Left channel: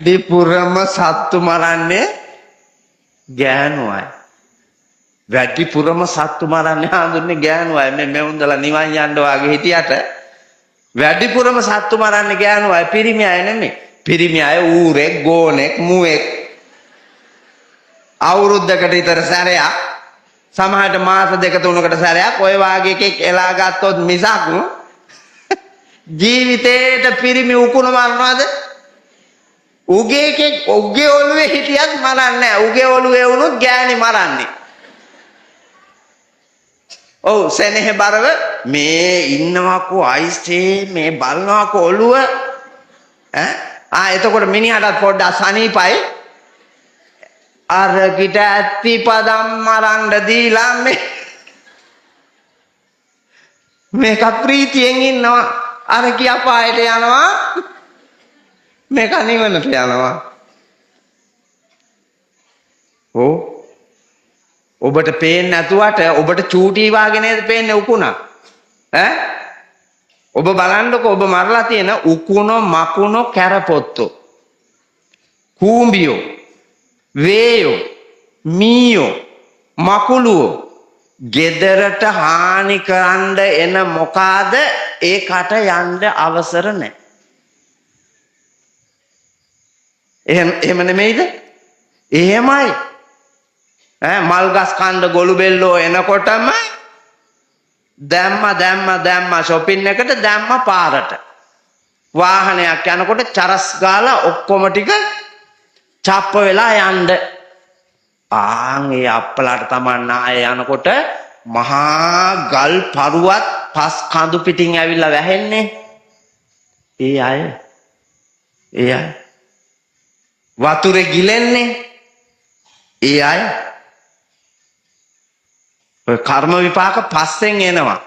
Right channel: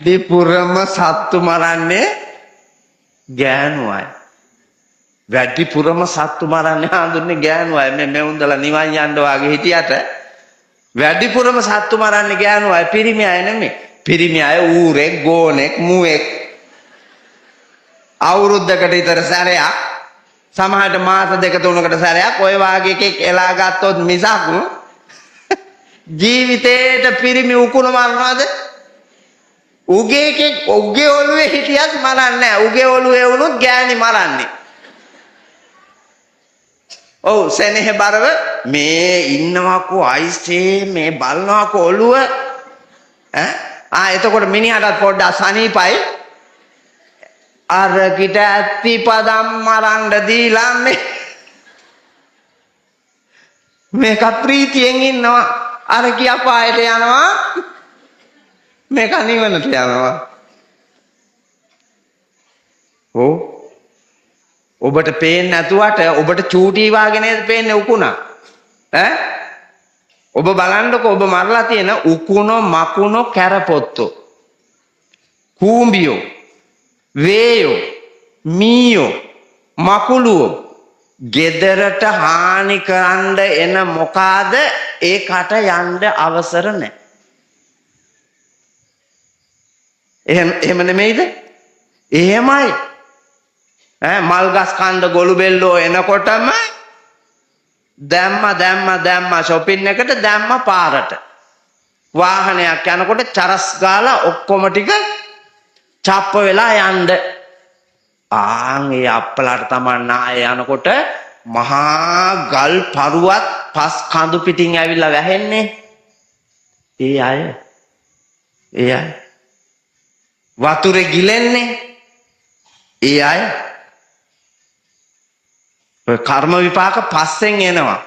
වැඩිපුරම සත්තු මරන්නේ ගෑනු අය. වැඩිපුරම සත්තු මරන්නේ හඳුන්නේ ගෑනු අය. මේ මෙවුන්දලා නිවන් යන්න වාගේ හිටියට වැඩිපුරම සත්තු මරන්නේ ගෑනු අය, පිරිමි අය නෙමෙයි. පිරිමි අය ඌරෙක්, ගෝනෙක්, මුවෙක් අවුරුද්දකට විතර සැරයක්, සමහරට මාස දෙක තුනකට සැරයක් ඔය වාගේ එකෙක් එලා ගත්තොත් මිසක් ජීවිතේට පිරිමි උකුණ මරනවද? උගේ ඔළුවේ හිටියත් මරන්නේ නැහැ. උගේ ඔළුවේ වුණොත් ගෑණි මරන්නේ. ඔව් සෙනෙහ බරව මේ ඉන්නවකෝ අයිස්ටේ මේ බලනවකෝ ඔළුව එතකොට මිනිහටත් පොඩ්ඩක් සනීපයි. අර කිට ඇත්තිපදම් මරන්න දීලා මේක ප්‍රීතියෙන් ඉන්නවා. අර කිය පායට යනවා, මේක නිවනට යනවා. ඔබට පේන්නේ නැතුවට ඔබට චූටි වාගේ නේද පේන්නේ උකුණ? ඔබ බලන්නකො ඔබ මරලා තියෙන උකුණ, මකුණ, කැරපොත්තෝ, කූඹියෝ, වේයෝ, මීයෝ, මකුළුවෝ ගෙදරට හානි කරන්න එන මොකාද ඒකට යන්න අවසර නැහැ. එහෙම නෙමෙයිද? එහෙමයි. මල් ගස් කන්ද ගොළු බෙල්ලෝ එනකොටම දැම්ම shopping එකට දැම්ම පාරට. වාහනයක් යනකොට චරස් ගාලා ඔක්කොම ටික චප්ප වෙලා යන්න. ඒ අප්පලාට තමන් නාය යනකොට මහා ගල් පරුවත් පස් කඳු පිටින් ඇවිල්ලා වැහෙන්නේ. ඒ අය වතුරේ ගිලෙන්නේ. ඒ අය කර්ම විපාක පස්සෙන් එනවා.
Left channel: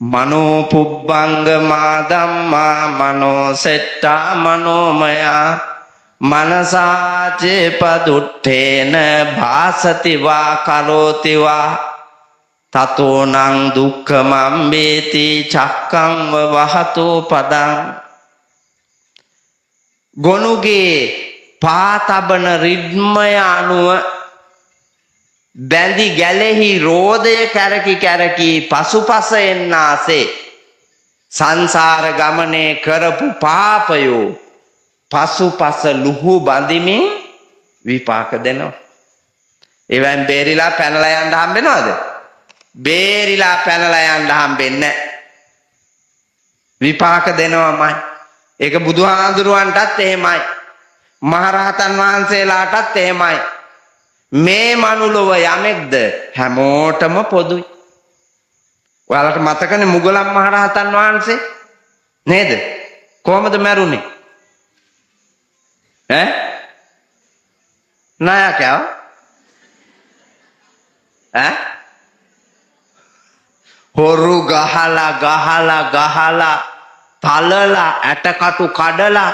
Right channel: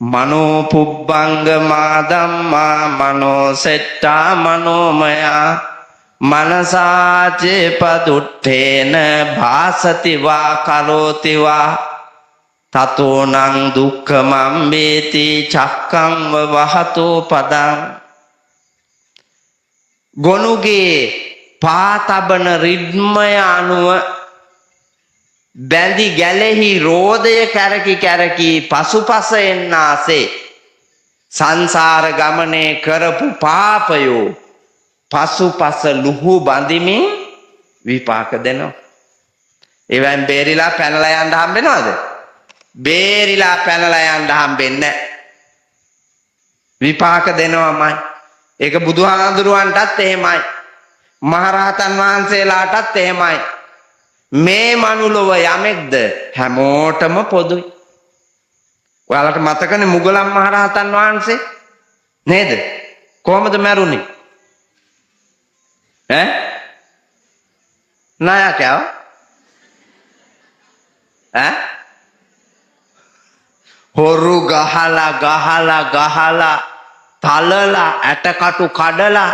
මනෝ පුබ්බංගමා ධම්මා මනෝ සෙට්ටා මනෝමයා මනසාචේ පදුත්තේන භාසති වා කලෝති වා තතෝනං දුක්ඛමේති චක්ඛං වවතෝ පදං. ගොනුගේ පාඨබන රිද්මය අනුව දැඩි ගැරෙහි රෝදේ කැරකි පසුපස එන්නාසේ සංසාර ගමනේ කරපු පාපයෝ පසුපස ලුහු බඳිමින් විපාක දෙනවා. ඒවෙන් බේරිලා කරලා යන්න හම්බෙනවද? බේරිලා කරලා යන්න හම්බෙන්නේ විපාක දෙනවාමයි. ඒක බුදුහාමුදුරුවන්ටත් එහෙමයි, මහරහතන් වහන්සේලාටත් එහෙමයි. මේ මනුලෝ යමෙක්ද හැමෝටම පොදු. ඔයාලට මතකද මුගලන් මහරහතන් වහන්සේ නේද? කොහොමද මැරුණේ? හොරු ගහලා තලලා ඇටකටු කඩලා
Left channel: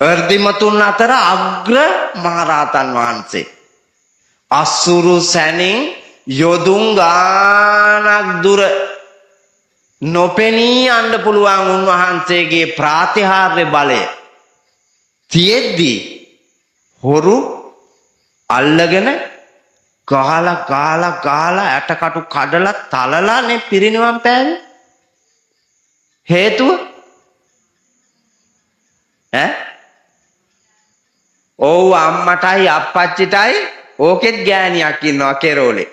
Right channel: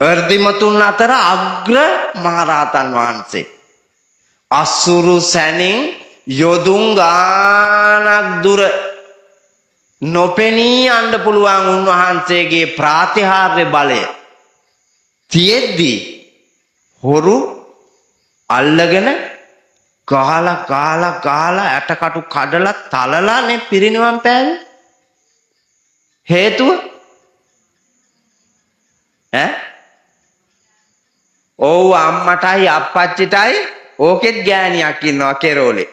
ප්‍රතිමතුන් අතර අග්‍ර මහරහතන් වහන්සේ. අසුරු සැනින් යොදුන් ගානක් දුර නොපෙනී යන්න පුළුවන් උන්වහන්සේගේ ප්‍රාතිහාර්ය බලය තියෙද්දී හොරු අල්ලගෙන කාලා ඇටකටු කඩලා තලලානේ පිරිනිවන් පෑවේ. හේතුව අම්මටයි අප්පච්චිටයි ඕකෙත් ගෑණියක් ඉන්නවා කෙරෝලේ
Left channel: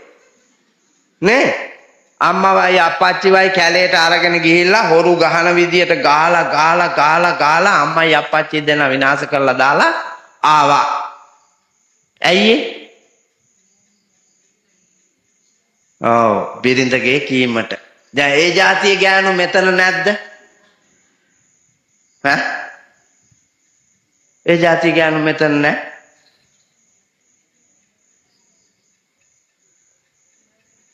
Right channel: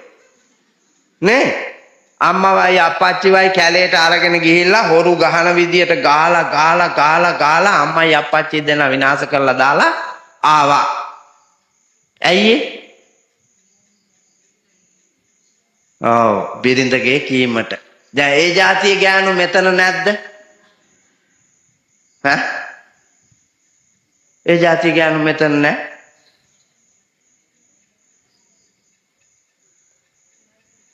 නේ. අම්මවයි අප්පච්චිවයි කැලේට අරගෙන ගිහිල්ලා හොරු ගහන විදියට ගාලා අම්මයි අප්පච්චි දෙන්න විනාශ කරලා දාලා ආවා. ඇයි? බිරිඳගේ කීමට. දැන් ඒ જાතිය ගෑනු මෙතන නැද්ද? ඒ જાතිය ගෑනු මෙතන නැහැ.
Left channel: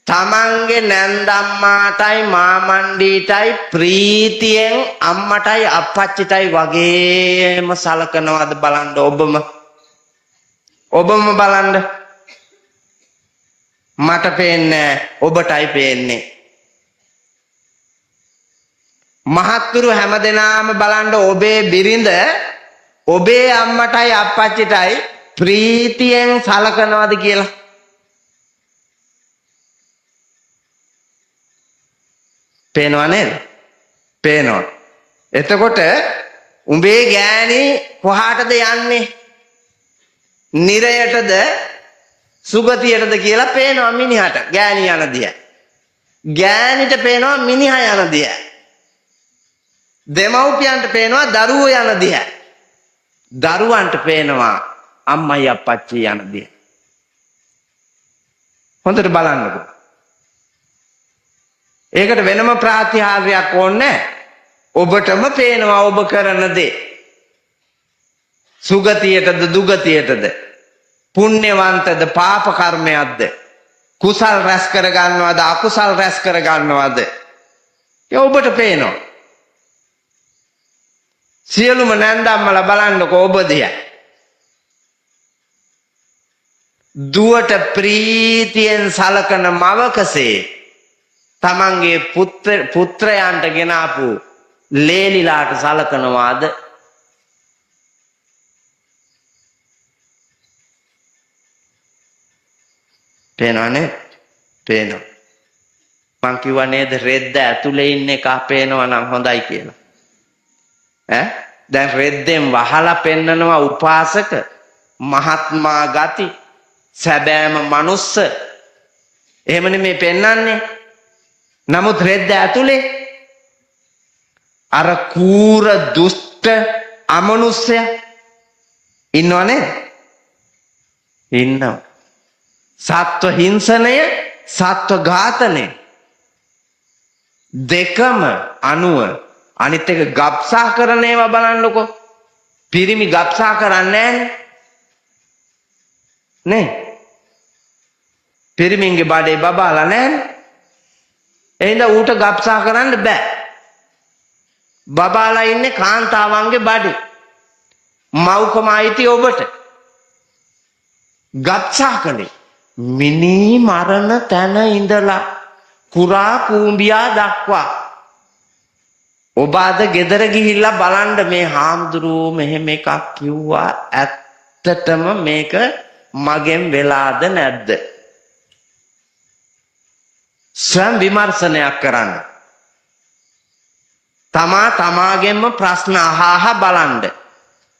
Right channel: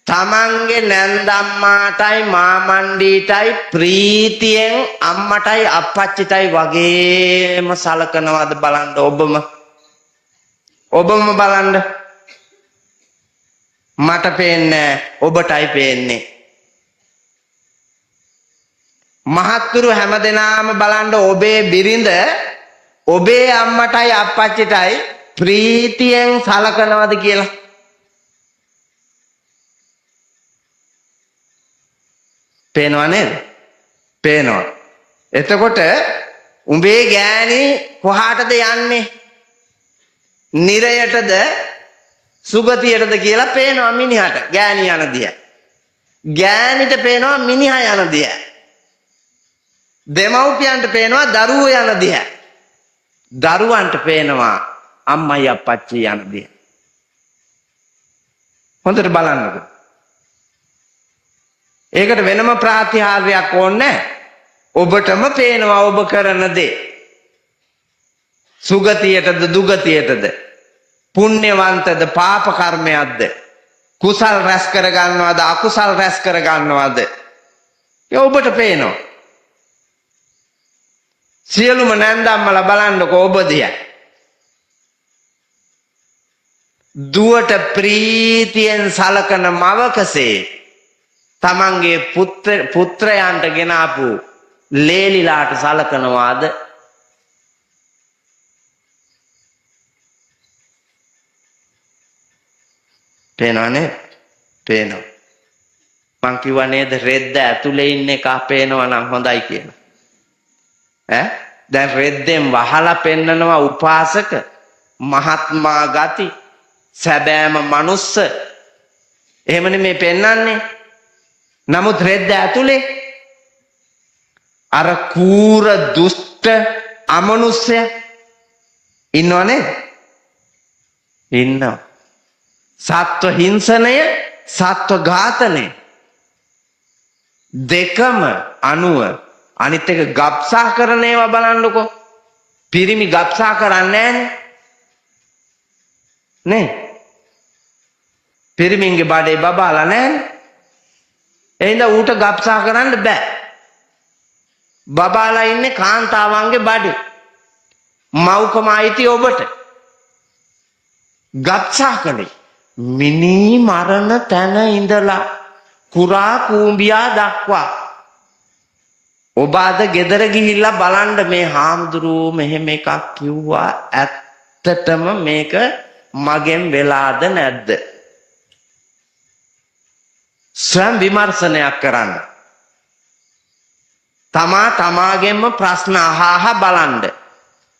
තමන්ගේ නැන්දම්මාටයි මාමණ්ඩීටයි ප්‍රීතියෙන් අම්මටයි අප්පච්චිටයි වගේම සලකනවාද බලන්න. ඔබම බලන්න. මට පේන්නේ ඔබටයි පේන්නේ. මහත්තුරු හැමදෙනාම බලන්න ඔබේ බිරිඳ ඔබේ අම්මටයි අප්පච්චිටයි ප්‍රීතියෙන් සලකනවද කියලා? පේනව නේද? පේනවා. එතකොට උඹේ ගෑණි කොහාටද යන්නේ? නිරයටද සුගතියටද කියලා පේනවා මිනිහට. ගෑණි යන දිය. ගෑණිට පේනවා මිනිහා යන දිය. දෙමව්පියන්ට පේනවා දරුවෝ යන දිය. දරුවන්ට පේනවා අම්මයි අප්පච්චි යන දිය. හොඳට බලන්නකෝ. ඒකට වෙනම ප්‍රාතිහාර්යයක් ඕනේ. ඔබටම පේනවා ඔබ කරන දේ. සුගතියටද දුගතියටද, පුණ්‍යවන්තද පාප කර්මයක්ද, කුසල් රැස් කර ගන්නවද අකුසල් රැස් කර ගන්නවද, ඒ ඔබට පේනවා. සියලුම නැන්දම්මලා බලන්නකෝ ඔබ දිහා. දුවට ප්‍රීතියෙන් සලකන මවකසේ තමන්ගේ පුත්‍රයන්ට ගෙනාපු ලේලිලාට සලකනවාද? පේනවනේ? පේනවා. මං කිව්වා නේද රෙද්ද ඇතුලේ ඉන්න එක පේනවා නම් හොඳයි කියලා. දැන් රෙද්දෙන් වහලා පෙන්නනවා උපාසක, මහත්මා ගති, සැබෑම මනුස්ස. එහෙමනේ මේ පෙන්නන්නේ. නමුත් රෙද්ද ඇතුලේ අර කූර දුෂ්ට අමනුෂ්‍ය ඉන්නවනේ. ඉන්නවා. සත්ව හිංසනය, සත්ව ඝාතනය දෙකම අනුව අනිත් එක ගබ්සා කරන ඒවා බලන්නකො. පිරිමි ගබ්සා කරන්නේ නේ. පිරිමින්ගේ බඩේ බබාලා නැහැ. එහෙනම් ඌට ගබ්සා කරන්න බෑ. බබාලා ඉන්නේ කාන්තාවන්ගේ බඩේ. මව්කම අයිති ඔබට. ගබ්සා කළේ මිනි මරණ තැන ඉඳලා කුරා කූඹියා දක්වා. ඔබ අද ගෙදර ගිහිල්ලා බලන්න මේ හාමුදුරුවෝ මෙහෙම එකක් කිව්වා, ඇත්තටම මේක මගෙන් වෙලාද නැද්ද? ස්වයං විමර්ශනයක් කරන්න. තමාගෙන්ම ප්‍රශ්න අහහ බලන්න.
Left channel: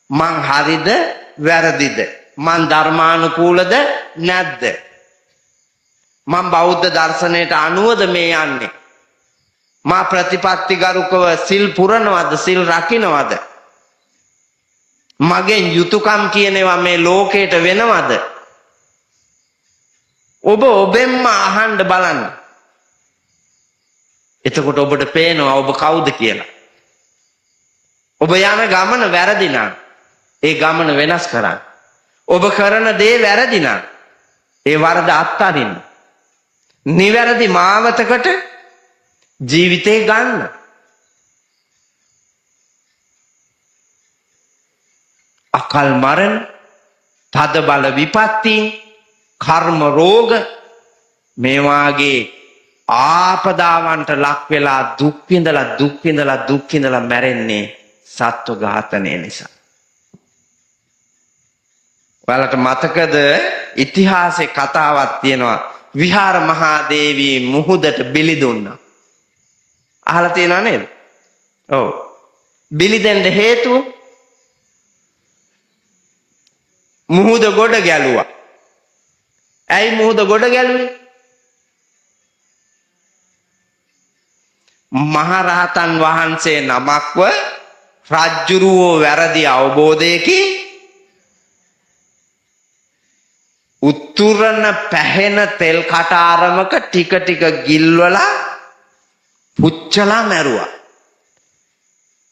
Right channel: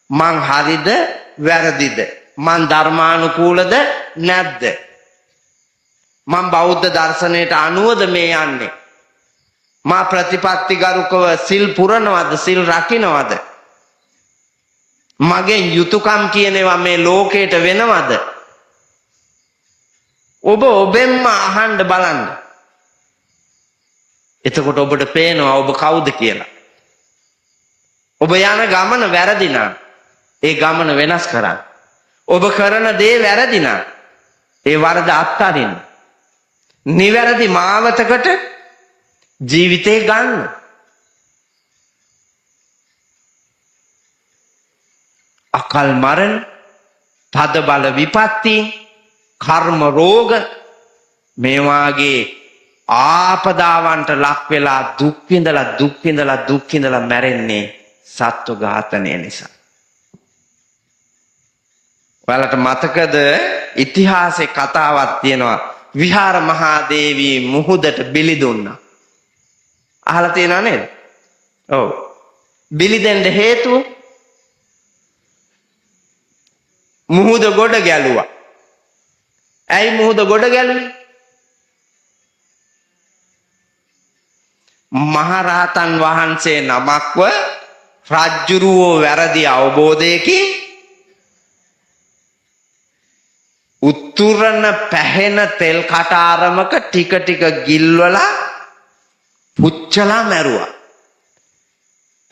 මං හරිද වැරදිද? මං ධර්මානුකූලද නැද්ද? මං බෞද්ධ දර්ශනයට අනුවද මේ යන්නේ? මා ප්‍රතිපත්තිගරුකව සිල් පුරනවද, සිල් රකින්නවද? මගෙන් යුතුයකම් කියනවා මේ ලෝකයට වෙනවද? ඔබ ඔබෙන්ම අහන්න බලන්න. එතකොට ඔබට පේනවා ඔබ කවුද කියලා. ඔබ යන ගමන වැරදි නම් ඒ ගමන වෙනස් කරන්න. ඔබ කරන දේ වැරදි නම් ඒ වරද අත්හරින්න. නිවැරදි මාවතකට ජීවිතේ ගන්න. අකල් මරණ, තද බල විපත්ති, කර්ම රෝග මේ වාගේ ආපදාවන්ට ලක් වෙලා දුක් විඳලා මැරෙන්නේ සත්ව ඝාතනය නිසා. ඔයාලට මතකද ඉතිහාසයේ කතාවක් තියෙනවා, විහාර මහා දේවී මුහුදට බිලි දුන්නා. අහලා තියෙනව නේද? ඔව්. බිලි දෙන්න හේතුව මුහුද ගොඩ ගැලුවා. ඇයි මුහුද ගොඩ ගැලුවේ? මහරහතන් වහන්සේ නමක්ව රජ්ජුරුවෝ වැරදි අවබෝධයකින් උතුරන පැහෙන තෙල් කටාරමක ටික ගිල්වලා පුච්චලා මැරුවා.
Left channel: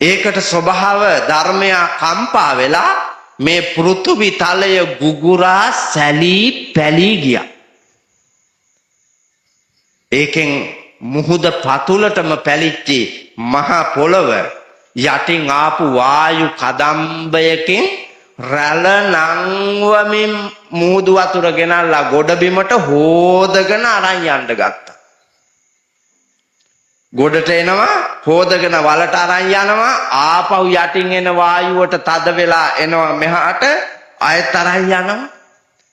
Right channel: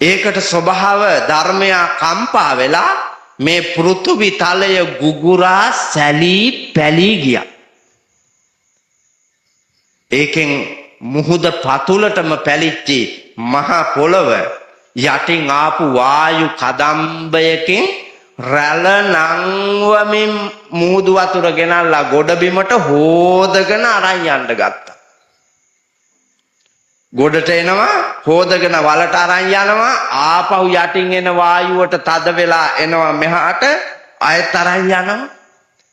ඒකට ස්වභාව ධර්මයා කම්පා වෙලා මේ පෘථුවි තලය ගුගුරා සැලී පැලී ගියා. ඒකෙන් මුහුද පතුලටම පැලිච්චි මහා පොළව යටින් ආපු වායු කදම්බයකින් රැළ නංවමින් මුහුදු වතුර ගෙනල්ලා ගොඩබිමට හෝදගෙන අරන් යන්න ගත්තා. ගොඩට එනවා හොදගෙන වලට අරන් යනවා ආපහු යටින් එන වායුවට තද වෙලා එනවා මෙහාට ආයෙත් අරන් යනවා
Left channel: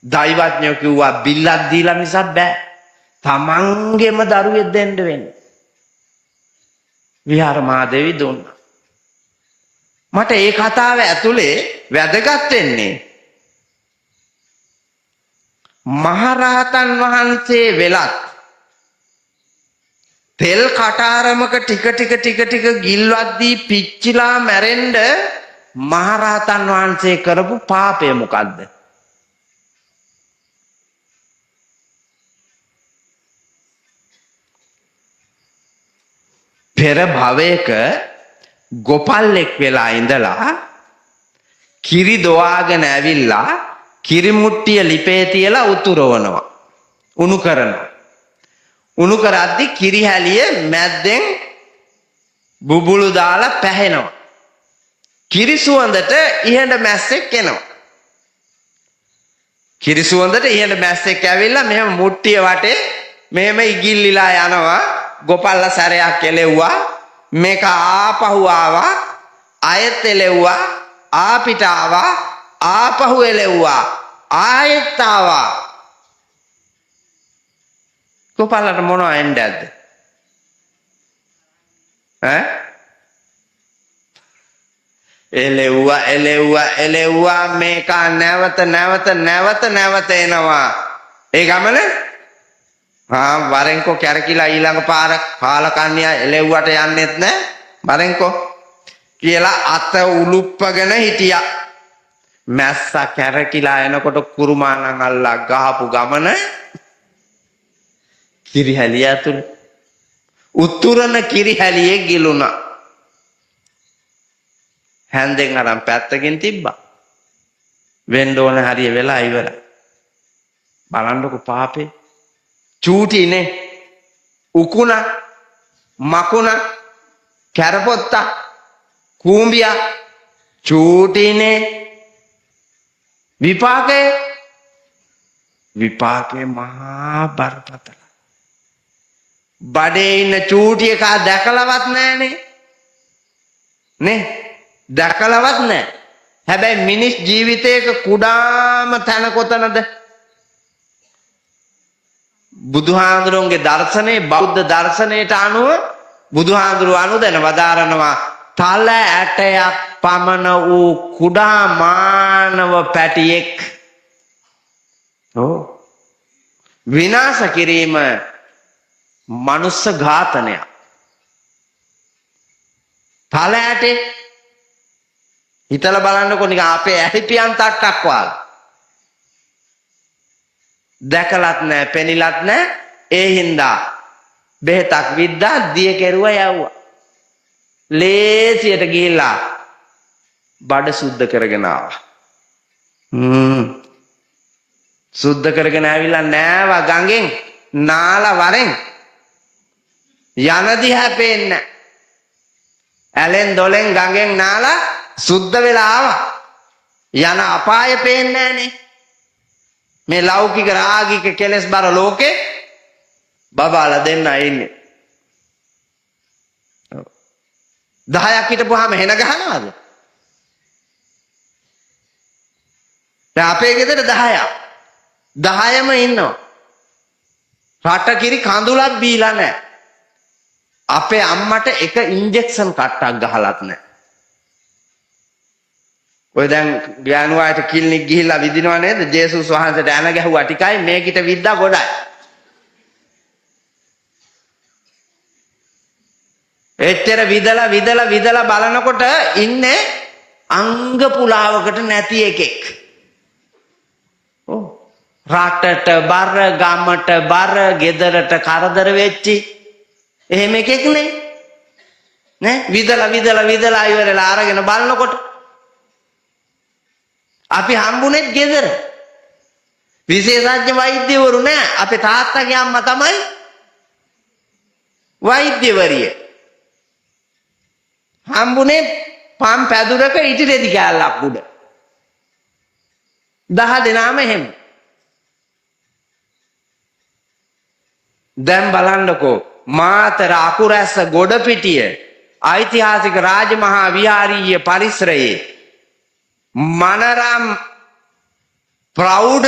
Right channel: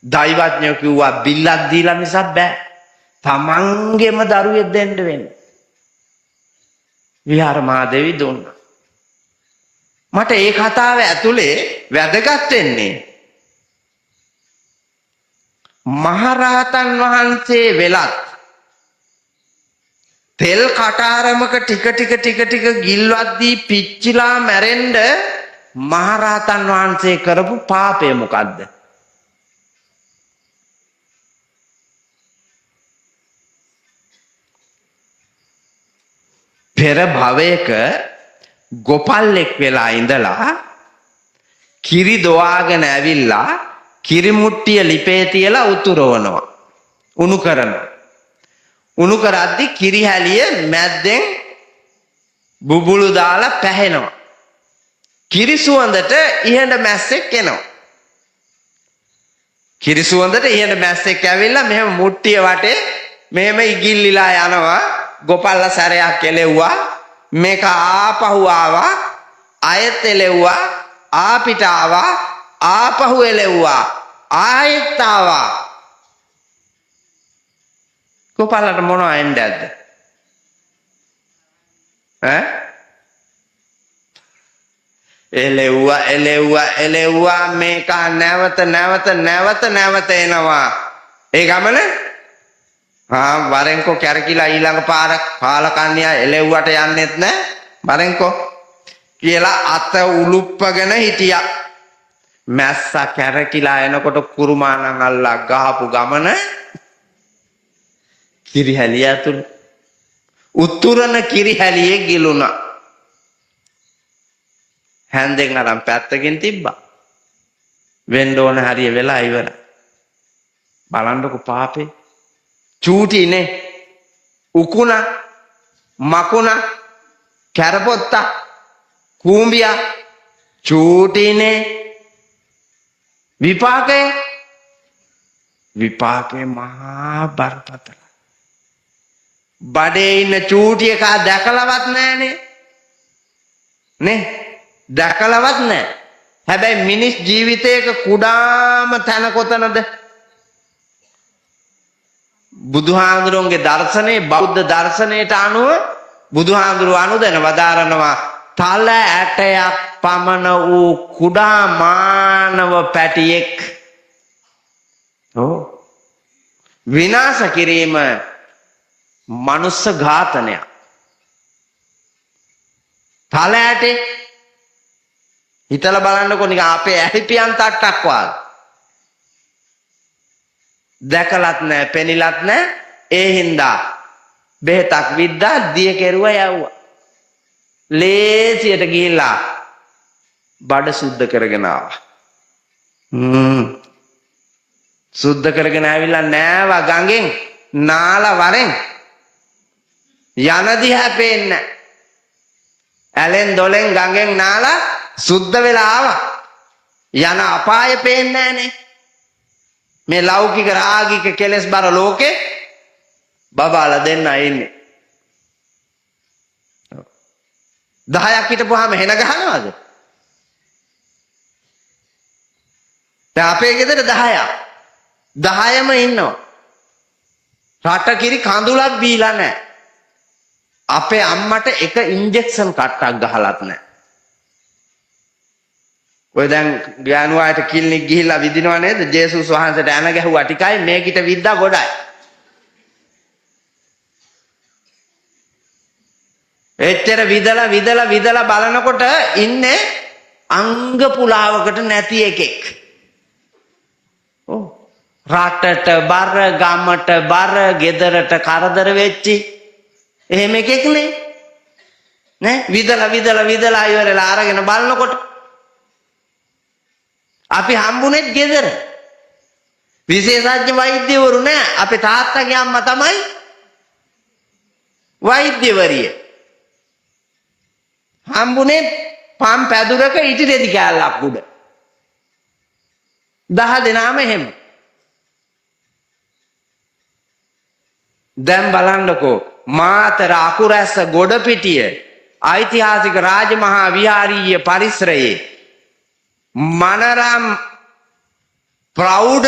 දෛවඥයෝ කිව්වා බිල්ලක් දීලා මිසක් බෑ තමන්ගේම දරුවෙක් දෙන්න වෙන්නේ විහාර මහදේවි දුන්නා මට ඒ කතාව ඇතුලේ වැදගත් වෙන්නේ මහරහතන් වහන්සේ වෙලත් තෙල් කටාරමක ටික ගිල්වද්දී පිච්චිලා මැරෙන්න මහරහතන් වහන්සේ කරපු පාපය මොකද්ද? ගෝපාලෙක් වෙලා ඉඳලා කිරි දොවාගෙන ඇවිල්ලා කිරි මුට්ටිය ලිපේ තියලා උතුරනවා. උණු කරද්දි කිරි හැලිය මැද්දෙන් බුබුලු දාලා පැහෙනවා. කිරි සුවඳට ඉහළ මැස්සෙක් එනවා. කිරි සුවඳට ඉහළ මැස්සෙක් ඇවිල්ලා මෙහෙම මුට්ටිය වටේ මෙහෙම ඉගිල්ලිලා යනවා. ගෝපල්ලා සැරයක් එලෙව්වා. මේක ආපහු ආවා. ආයෙත් එලෙව්වා. ආපිට ආවා. ආපහු එලෙව්වා. ආයෙත් ආවා. ගෝපල්ලාට මොනවා එන්නේද? එලෙව්වා මේක නැවත එනවා. ඒ ගමන වරෙන්කෝ කැරකිලා ඊළඟ පාර කාලකන්‍යා එලෙව්වට යන්නෙත් නෑ වරෙන්කෝ කියලා අත උලුප්පගෙන හිටියා. මැස්සා කැරකිලා එනකොට කුරුමානන් අල්ලා ගහපු ගමන කිරිහැලිය ඇතුළු උතුරන කිරිහැලියේ ගිලුණා. හැන්දෙන් අරන් පැත්තකින් තිබ්බා. වෙන්න ඕන හරිය වෙලා ඉවර. බලන්නකො පාපේ. චූටිනේ උකුණ මකුණ කැරපොත්ත කූඹියා චූටිනේ විපාකේ මහා බරපතල. බඩේ ඉන්න චූටි එකා දැකලවත් නෑනේ. නේ දැකලවත් නෑ. හැබැයි මිනිස් ජීවිතයක කුඩාම තැන කොතනද? බුදුහාඳුරුවන්ගේ දර්ශනේ බෞද්ධ දර්ශනයට අනුව බුදුහාඳුරුව අනුදැන වදාරනවා තල ඇටයක් පමණ වූ කුඩා මානව පැටියෙක් විනාශ කිරීම මනුස්ස ඝාතනය. තල ඇටේ හිතලා බලන්නකො නිකන් අපේ ඇහිපියන් තට්ටක් වගේ. දැකලත් නැහැ පෙනිලත් නැහැ. ඒ හින්දා බෙහෙතක් විද්දා දිය කෙරුවා යවුවා. ලේසියට ගිහිල්ලා බඩ සුද්ධ කරගෙන ආවා. සුද්ධ කරගෙන ආවිලා නෑවා ගඟෙන් නාලා වරෙන් යන දිහා පේන්නේ. ඇලෙන් දොලෙන් ගඟෙන් නාලා සුද්ධ වෙලා ආවා. යන අපාය පේන්නේ නෑනේ. මේ ලෞකික රාගික කෙලස් බර ලෝකේ බබාලා දෙන්න ඉන්නේ. 10ක් හිටපුවාම හෙන ගහනවද? දැන් අපේ ගෙදර 10ක්. 10ම ඉන්නවා. රට කිරි කඳුලක් බීලා නැහැ. අපේ අම්මට එක ඉන්ජෙක්ෂන් කට්ටක් ගහලත් නැහැ. ඔය දැන් ගෑනුවාට කිල්නික් ගිහිල්ලා විදිනව නේද? ජේසුස් වහන්සේට ඇන ගැහුවා ටිකයි මේකිට විද්දා ගොඩයි. එච්චර විදලා බලනකොට ඉන්නේ අංග පුලාවකට නැති එකෙක්. රටට බර ගමට බර ගෙදරට කරදර වෙච්චි එහෙම එකෙක් නේ විදලා ඉවරලා අරගෙන බලනකොට අපි හම්බුනේත් ගෙදර විශේෂඥ වෛද්‍යවරු නෑ. අපේ තාත්තගේ අම්මා තමයි වෛද්‍යවරිය. හම්බුනේ පම් පැදුරක ඉටි රෙදි කෑල්ලක් උඩ. 10 දෙනාම එහෙම. දැන් බලන්නකෝ මාතර අකුරැස්ස ගොඩපිටිය ඓතිහාසික රාජමහා විහාරීය පරිසරයේ මනරම් ප්‍රෞಢ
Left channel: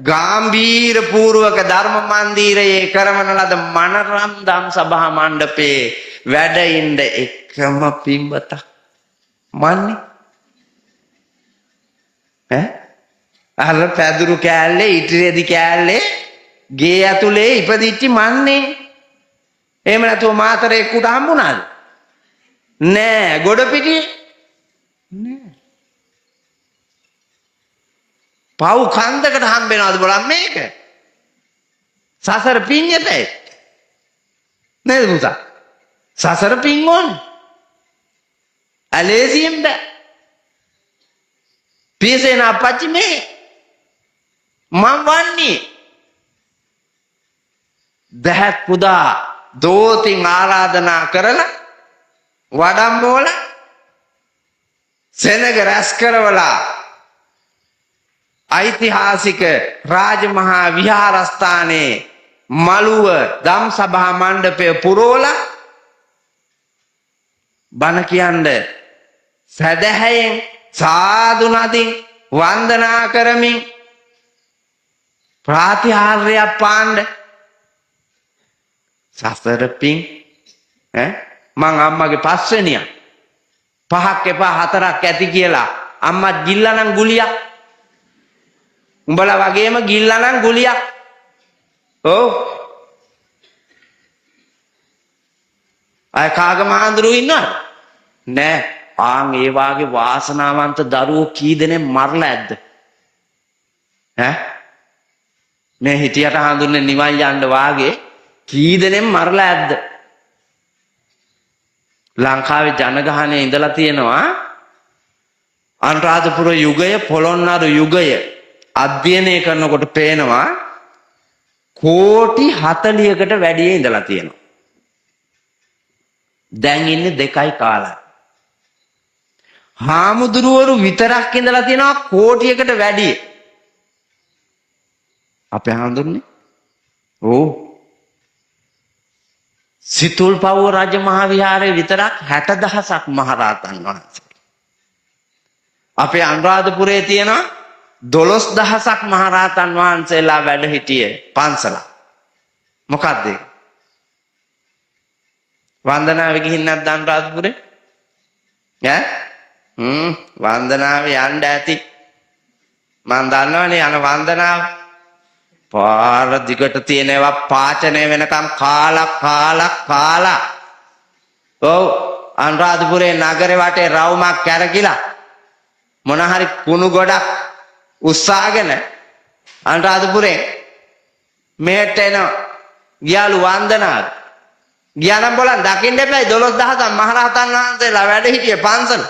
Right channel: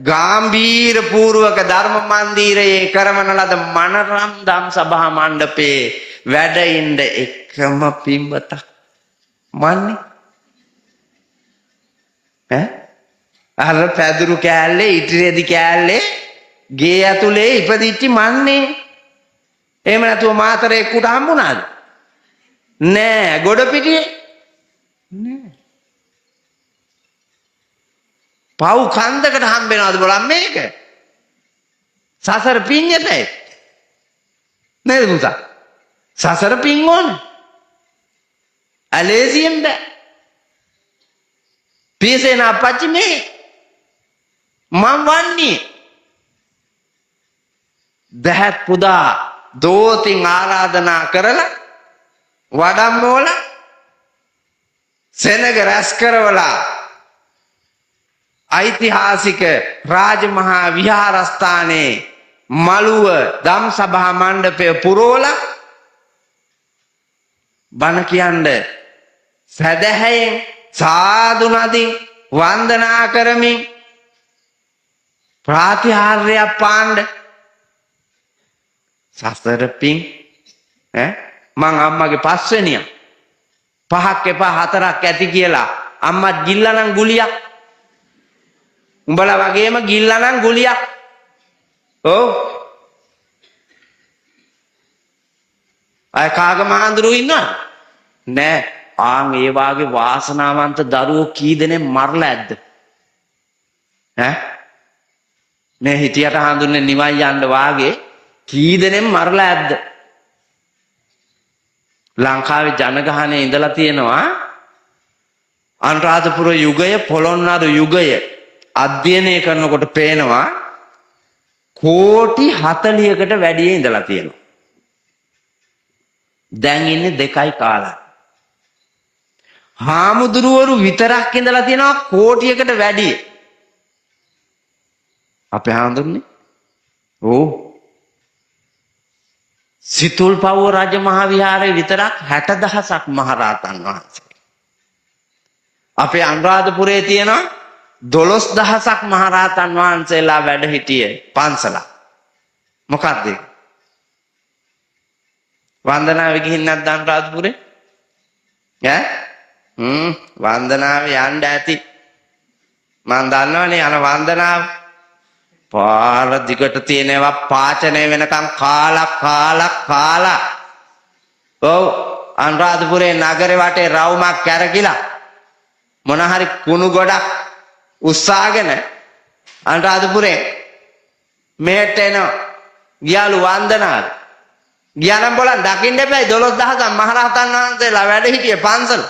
ගාම්භීර පූර්වක ධර්ම මන්දිරයේ කරවන ලද මනරම් දම් සභා මණ්ඩපයේ වැඩ ඉන්න එකම පින්වතක් මන්නේ අර පැදුරු කෑල්ලේ ඉටිරෙදි කෑල්ලේ ගේ ඇතුලේ ඉපදිච්ච මන්නේ එහෙම නැතුව මාතරේ කුට හම්බුණාද නෑ ගොඩපිටියේ නෑ පව් කන්දකට හම්බෙනවද බලන්න මේක සසර පිඤ්ඤතේ නේද පුතා සසර පින් ඕන ඇලේසියෙන් බෑ පියසේන අපච්චි මේ මම වන්නේ දැහත් පුදා දෝතින් ආරාධනා කරලා වඩම්මෝල සෙනග රැස් කරවලා ඓතිහාසික රාජමහා විහාරස්ථානයේ මළුව දම් සභා මණ්ඩපය පුරෝලා බණ කියන්නේ සදහැයෙන් සාදු නදින් වන්දනා කරමින් ප්‍රාතිහාර්යයක් පාණ්ඩ සසර පිං මං අම්මගේ පස්වෙනියා පහක් එපා හතරක් ඇති කියලා අම්මා ගිල්ලනම් ගුලියක් උඹලා වගේම ගිල්ලනම් ගුලියක් ඔව් අය කාගම හඳුරු ඉන්නවද නෑ ආන් ඒ වාගේ වාසනාවන්ත දරුවෝ කී දෙනෙක් මරලා ඇද්ද මේ හිටියට හඳුන්නේ නිවන් යන්න වාගේ කී දෙනෙක් මරලා ඇද්ද ලංකාවේ ජනගහනයේ ඉඳලා තියෙනවා අනුරාධපුර යුගය පොළොන්නරු යුගය අධ්‍යයනය කරනකොට පේනවා කෝටි 40කට වැඩිය ඉඳලා තියෙනවා දැන් ඉන්නේ 2යි කාලයි හාමුදුරුවරු විතරක් ඉඳලා තියෙනවා කෝටියකට වැඩිය අපේ හාමුදුරනේ ඕ සිතුල්පව්ව රජ මහා විහාරයේ විතරක් 60000ක් මහරහතන් වහන්සේ අපේ අනුරාධපුරයේ තියෙනවා 12000ක් මහරහතන් වහන්සේලා වැඩ සිටියේ පන්සලක් මොකද්ද වන්දනාවේ ගිහින් නැද්ද අනුරාධපුරේ වන්දනාවේ යන්න ඇති මම දන්නවනේ යන වන්දනාව පාර දිගට තියෙනවා පාචනය වෙනකම් කාලා ඔව් අනුරාධපුරේ නගරේ වටේ රවුමක් කැරකිලා මොන හරි කුණු ගොඩක් උස්සාගෙන අනුරාධපුරේ මෙහෙට එනවා ගියාලු වන්දනාව ගියානම් බලන්න දකින්න එපා 12000ක් මහරහතන් වහන්සේලා වැඩ සිටියේ පන්සල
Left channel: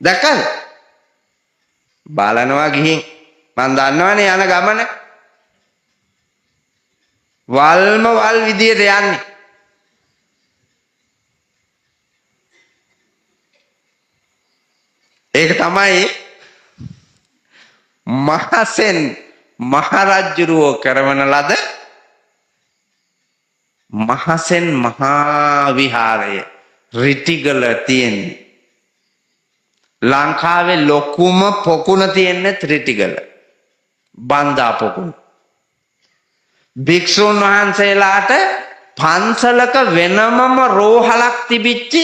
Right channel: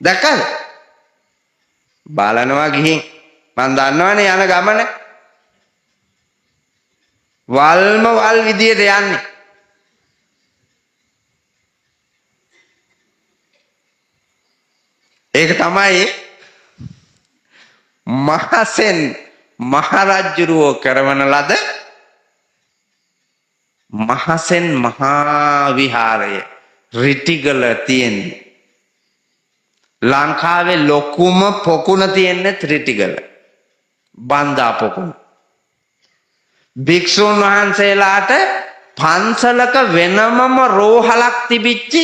දැක්කද බලනවා ගිහින් මම දන්නවනේ යන ගමන වල්ම වල් විදියට යන්නේ ඒක තමයි මහසෙන් මහරජුරෝ කරවන ලද මහසෙන් මහා විහාරය රිටිගල තියෙන්නේ ලංකාවේ ලොකුම පොකුණ තියෙන්නේ ත්‍රිටිගල බන්දා පොකුණ භික්ෂුන් වහන්සේලාට පන්සලක වෙනමම රෝහලක් තිබිච්චි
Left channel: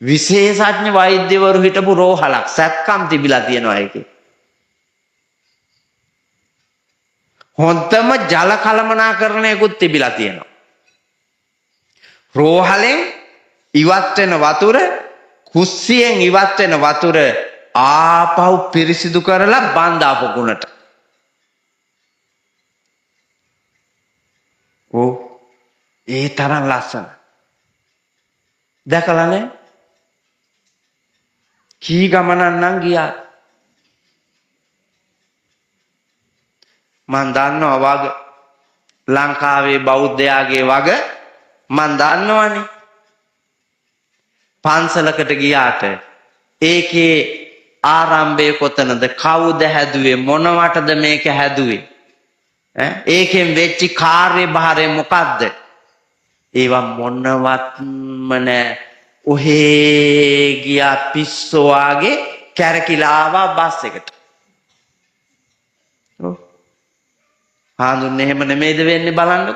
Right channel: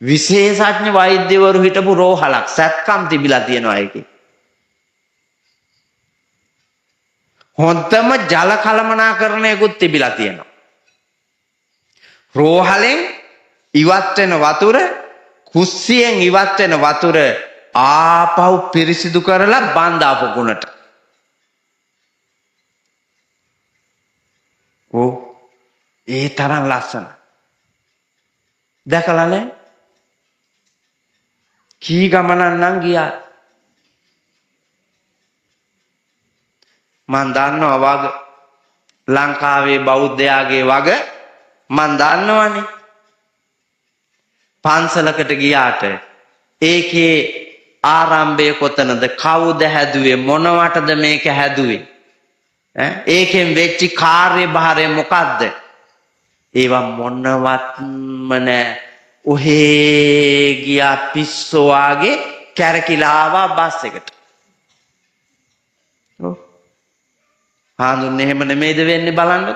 විශේෂඥ වෛද්‍යවරු හිටපු රෝහලක් සැත්කම් තිබිලා තියෙනවා ඒකේ හොඳම ජල කළමනාකරණයකුත් තිබිලා තියෙනවා රෝහලෙන් ඉවත් වෙන වතුර කුස්සියෙන් ඉවත් වෙන වතුර ආපහු පිරිසිදු කරලා බන්දා පොකුණට ඕ ඒ තරම් ලස්සන දැකලානේ කී ගමනක් නම් ගියා මන් දන්නවා වග ලංකාවේ බෞද්ධයාගේ වග මන් දන්නවනේ පන්සලකට ගියාට ඒකේ ආරම්භය කොතනද කවුද හැදුවේ මොනවටද මේක හැදුවේ ඒකෙන් වෙච්ච කාර්යභාරය මොකද්ද? ඒවා මොනවත්ම නෑ. ඔහේ ගියා පිස්සෝ වාගේ කැරකිලා ආවා බස් එකට. ඔව්. හාමුදුරනේ එහෙම නෙමෙයිද වෙන්නේ බලන්න.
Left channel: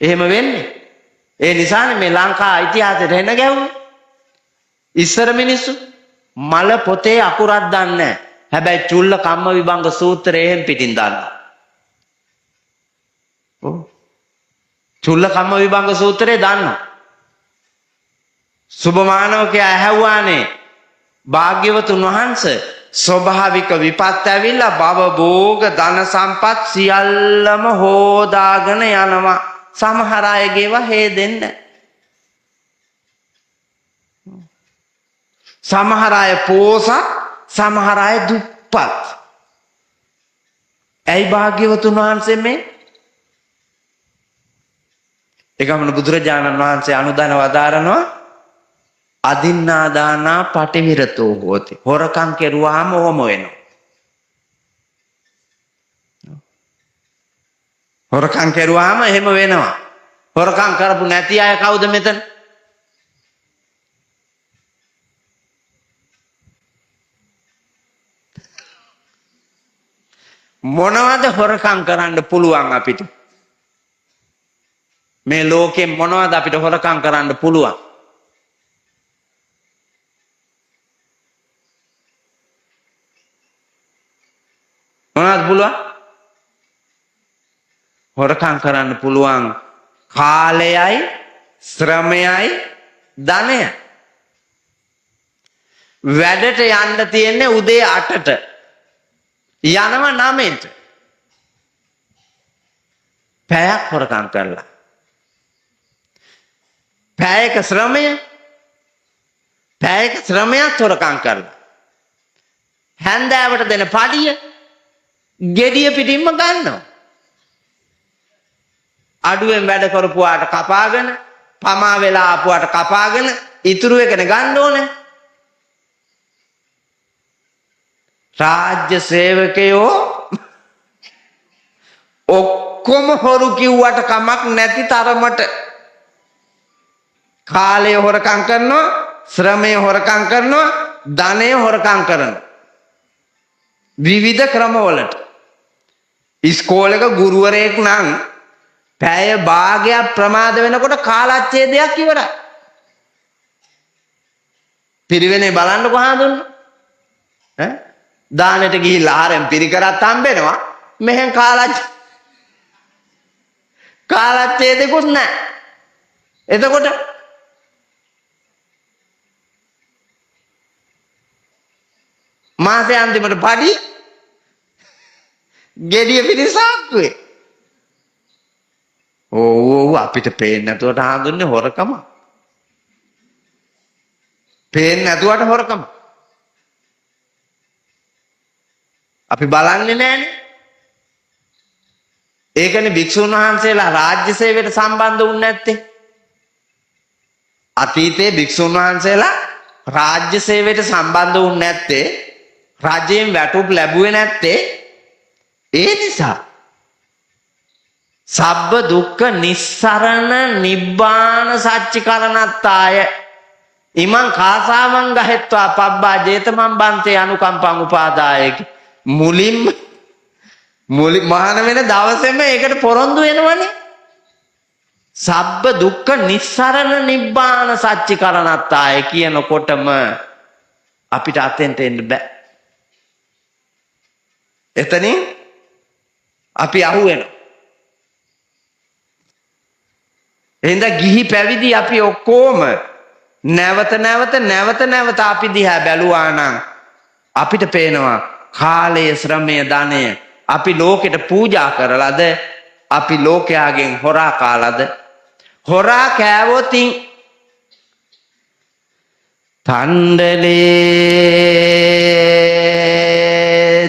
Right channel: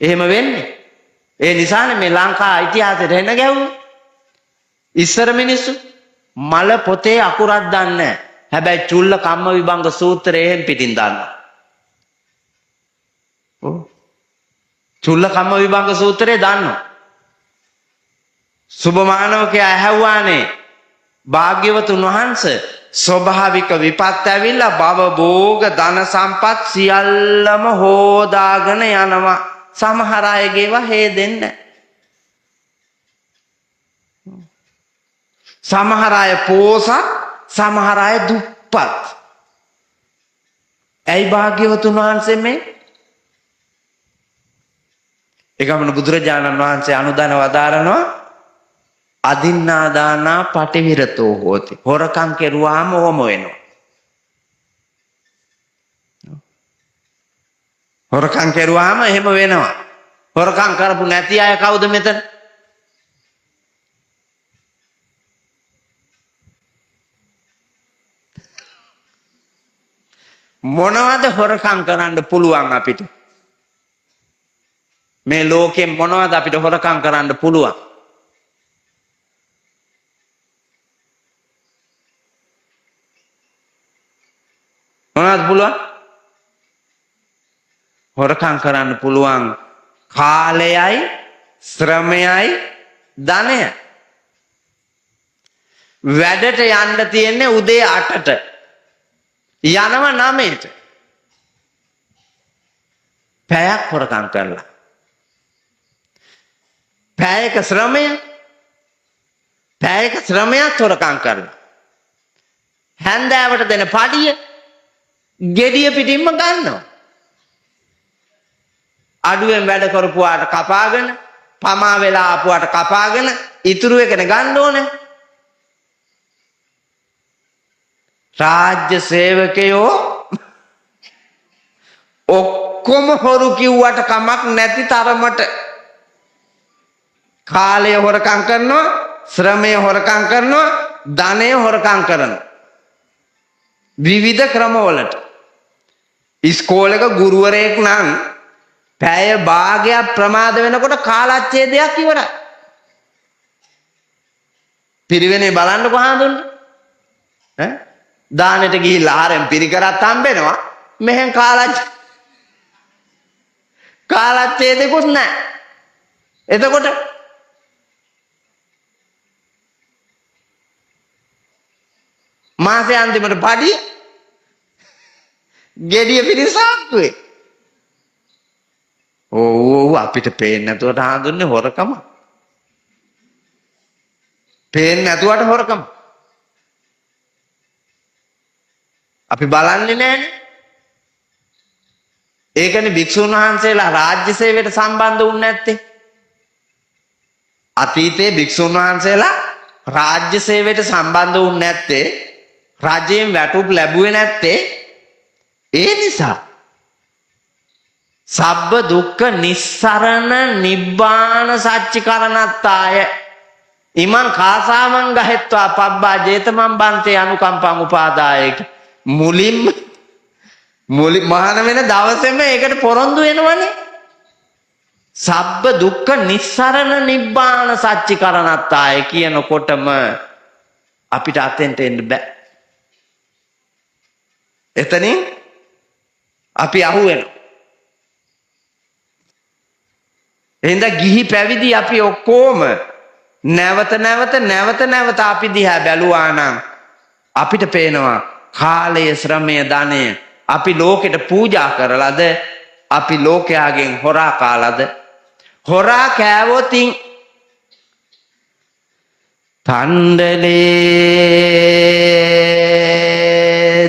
එහෙම වෙන්නේ. ඒ නිසානේ මේ ලංකා ඉතිහාසෙට එන ගැවුනේ. ඉස්සර මිනිස්සු මල පොතේ අකුරක් දන්නේ නැහැ. හැබැයි චුල්ල කම්ම විභංග සූත්‍රය එහෙන් පිටින් දන්නවා. ඔව්. චුල්ල කම්ම විභංග සූත්‍රය දන්නවා. සුභමානවකයා ඇහැව්වානේ භාග්‍යවතුන් වහන්සේ ස්වභාවික විපත් ඇවිල්ලා භව භෝග ධන සම්පත් සියල්ලම හොදාගෙන යනවා. සමහර අයගේව හේදෙන්නේ නැහැ. සමහර අය පෝසත්, සමහර අය දුප්පත්. ඇයි භාග්‍යවතුන් වහන්සේ මේ? ඒගමන බුදුරජාණන් වහන්සේ අනුදන වදාරනවා අදින්නාදානා පටිවිරතෝ හෝති. හොරකම් කෙරුවාම ඕම වෙනවා. හොරකම් කෙරුවාම එහෙම වෙනවා. හොරකම් කරපු නැති අය කවුද මෙතන? මොනවද හොරකම් කරන්න පුළුවන් අපිට? මේ ලෝකෙ මොනවද අපිට හොරකම් කරන්න පුළුවන්? මොනවද පුළුවන්? හොරකම් කරන්න පුළුවන් කාලයයි, ශ්‍රමයයි, ධනයයි. වැඩට යන්න තියෙන්නේ උදේ 8ට. යනව 9ට. පැයක් හොරකම් කරලා. පැයක ශ්‍රමයක් හොරකම් කරලා. හැන්දෑවට දෙන පඩිය ගෙඩිය පිටින්ම ගන්නවා. අඩුවෙන් වැඩ කරපුවාට කපාගෙන, පමා වෙලා ආපුවාට කපාගෙන ඉතුරු එකන ගන්න ඕනේ. රාජ්‍ය සේවකයෝ ඔක්කොම හොරු කිව්වට කමක් නැති තරමට කාලය හොරකම් කරනවා, ශ්‍රමය හොරකම් කරනවා, ධනය හොරකම් කරනවා. විවිධ ක්‍රමවලට. ඉස්කෝලේක ගුරුවරයෙක් නම් පැය භාගයක් ප්‍රමාද වෙනකොට කාලච්ඡේදයක් ඉවරයි. පිරිවෙනේ බලන්නකො හාඳුන්නේ. දානෙට ගිහිල්ලා ආරෙන් පිරිකරත් හම්බෙනවා. මෙහෙන් කාලච්ඡේදෙකුත් නැහැ. එතකොට මාසේ අන්තිමට පඩිය ගෙඩිය පිරිසාක්කුවේ. ඕ අපිට පේන්නේ නැතුවට හඳුන්නේ හොරකම. පේන්නේ නැතුවට හොරකම. අපි බලන්නේ නැහැනේ. ඒකනේ භික්ෂුන් වහන්සේලා රාජ්‍ය සේවයට සම්බන්ධ වුනේ නැත්තේ. අතීතයේ භික්ෂුන් වහන්සේලා රාජ්‍ය සේවයට සම්බන්ධ වුනේ නැත්තේ, රජයෙන් වැටුප් ලැබුවේ නැත්තේ ඒ නිසා. සබ්බ දුක්ඛ නිස්සරණ නිබ්බාන සච්චිකරණත්තාය ඉමං කාසාවං ගහෙත්වා පබ්බා ජේතමන් බන්තේ අනුකම්පං උපාදාය. මුලින්ම මහාන වෙන දවසේම ඒකට පොරොන්දු වෙනවනේ. සබ්බ දුක්ඛ නිස්සරණ නිබ්බාන සච්චිකරණත්තාය කියනකොටම අපිට අතෙන්ට එන්න බෑ. එතන අපි අහුවෙනවා. එතන කිසි පැවිදි අපි ඔක්කොම නැවත අපි දිහා බැලුවා නම් අපිට තේරෙනවා කාලයේ ශ්‍රමය ධනය අපි ලෝකෙට පූජා කරලාද අපි ලෝකෙලාගේ කොරා පාරද කොරා කියවති කන්දලේ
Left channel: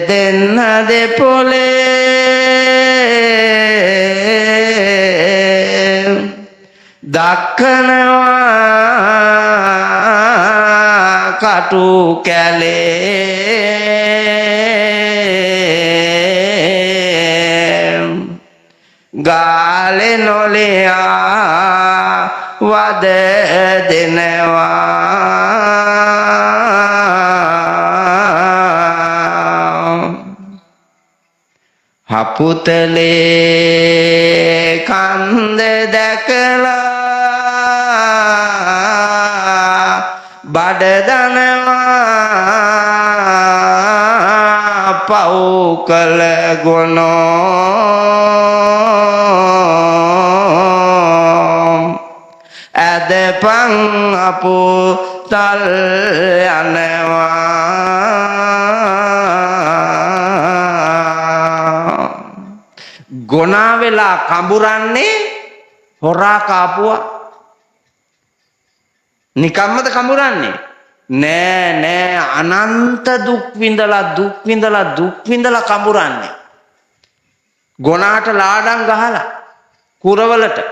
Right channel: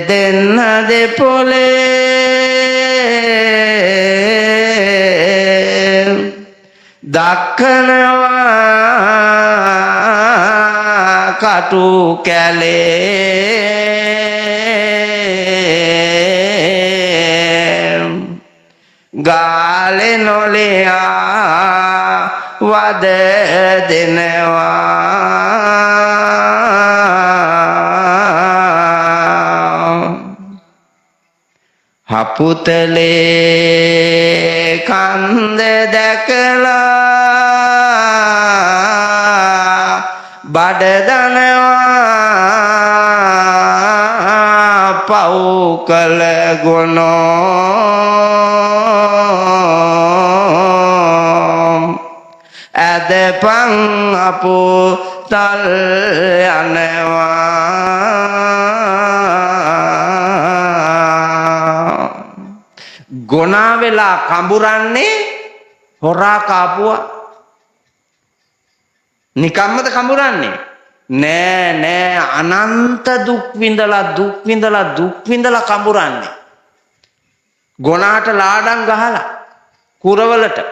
දෙන්නදේ පොලේ පුතලේ කන්ද දැකලා බඩදනවා පව් කළ ගුණෝ ඇදපන් අපුතල් ගොනාවෙලා කඹුරන්නේ හොරා කාපුවා නිකම්ම කඹුරන්නේ නෑ අනන්ත දුක් විඳලා කඹුරන්නේ ගොනාට ලාගල් ගහලා කුරවලට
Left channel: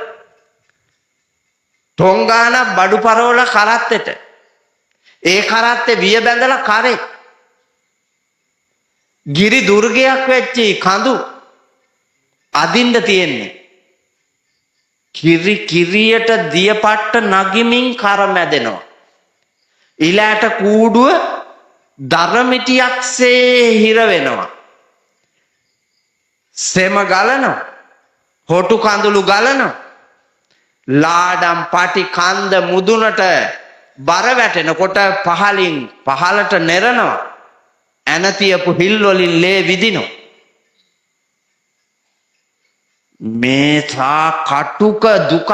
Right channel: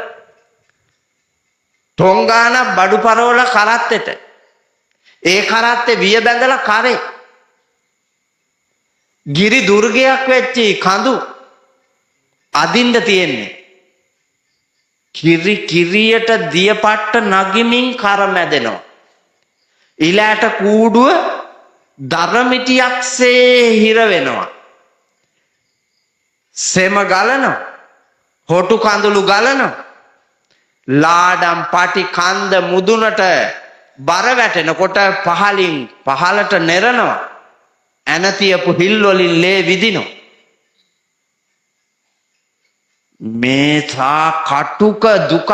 තොංගාන බඩු පරවල කාත්තට ඒ කාත්තේ වේදනලා කාලේ ගිරි දුර්ගයන් වෙච්ච කඳු අදින්න තියෙන්නේ කිරියට දියපට්ට නගිමින් කර මැදෙනවා ඊළාට කූඩුව දරමිටියක්සේ හිර වෙනවා සෙම ගලනවා හොටු කඳුළු ගලනවා ලාඩම් පටි කන්ද මුදුනට බර වැටෙනකොට පහලින් පහලට නෙරනවා ඇතියපු බිල් වලින් ලේ විදිනවා මේ කටුක දුක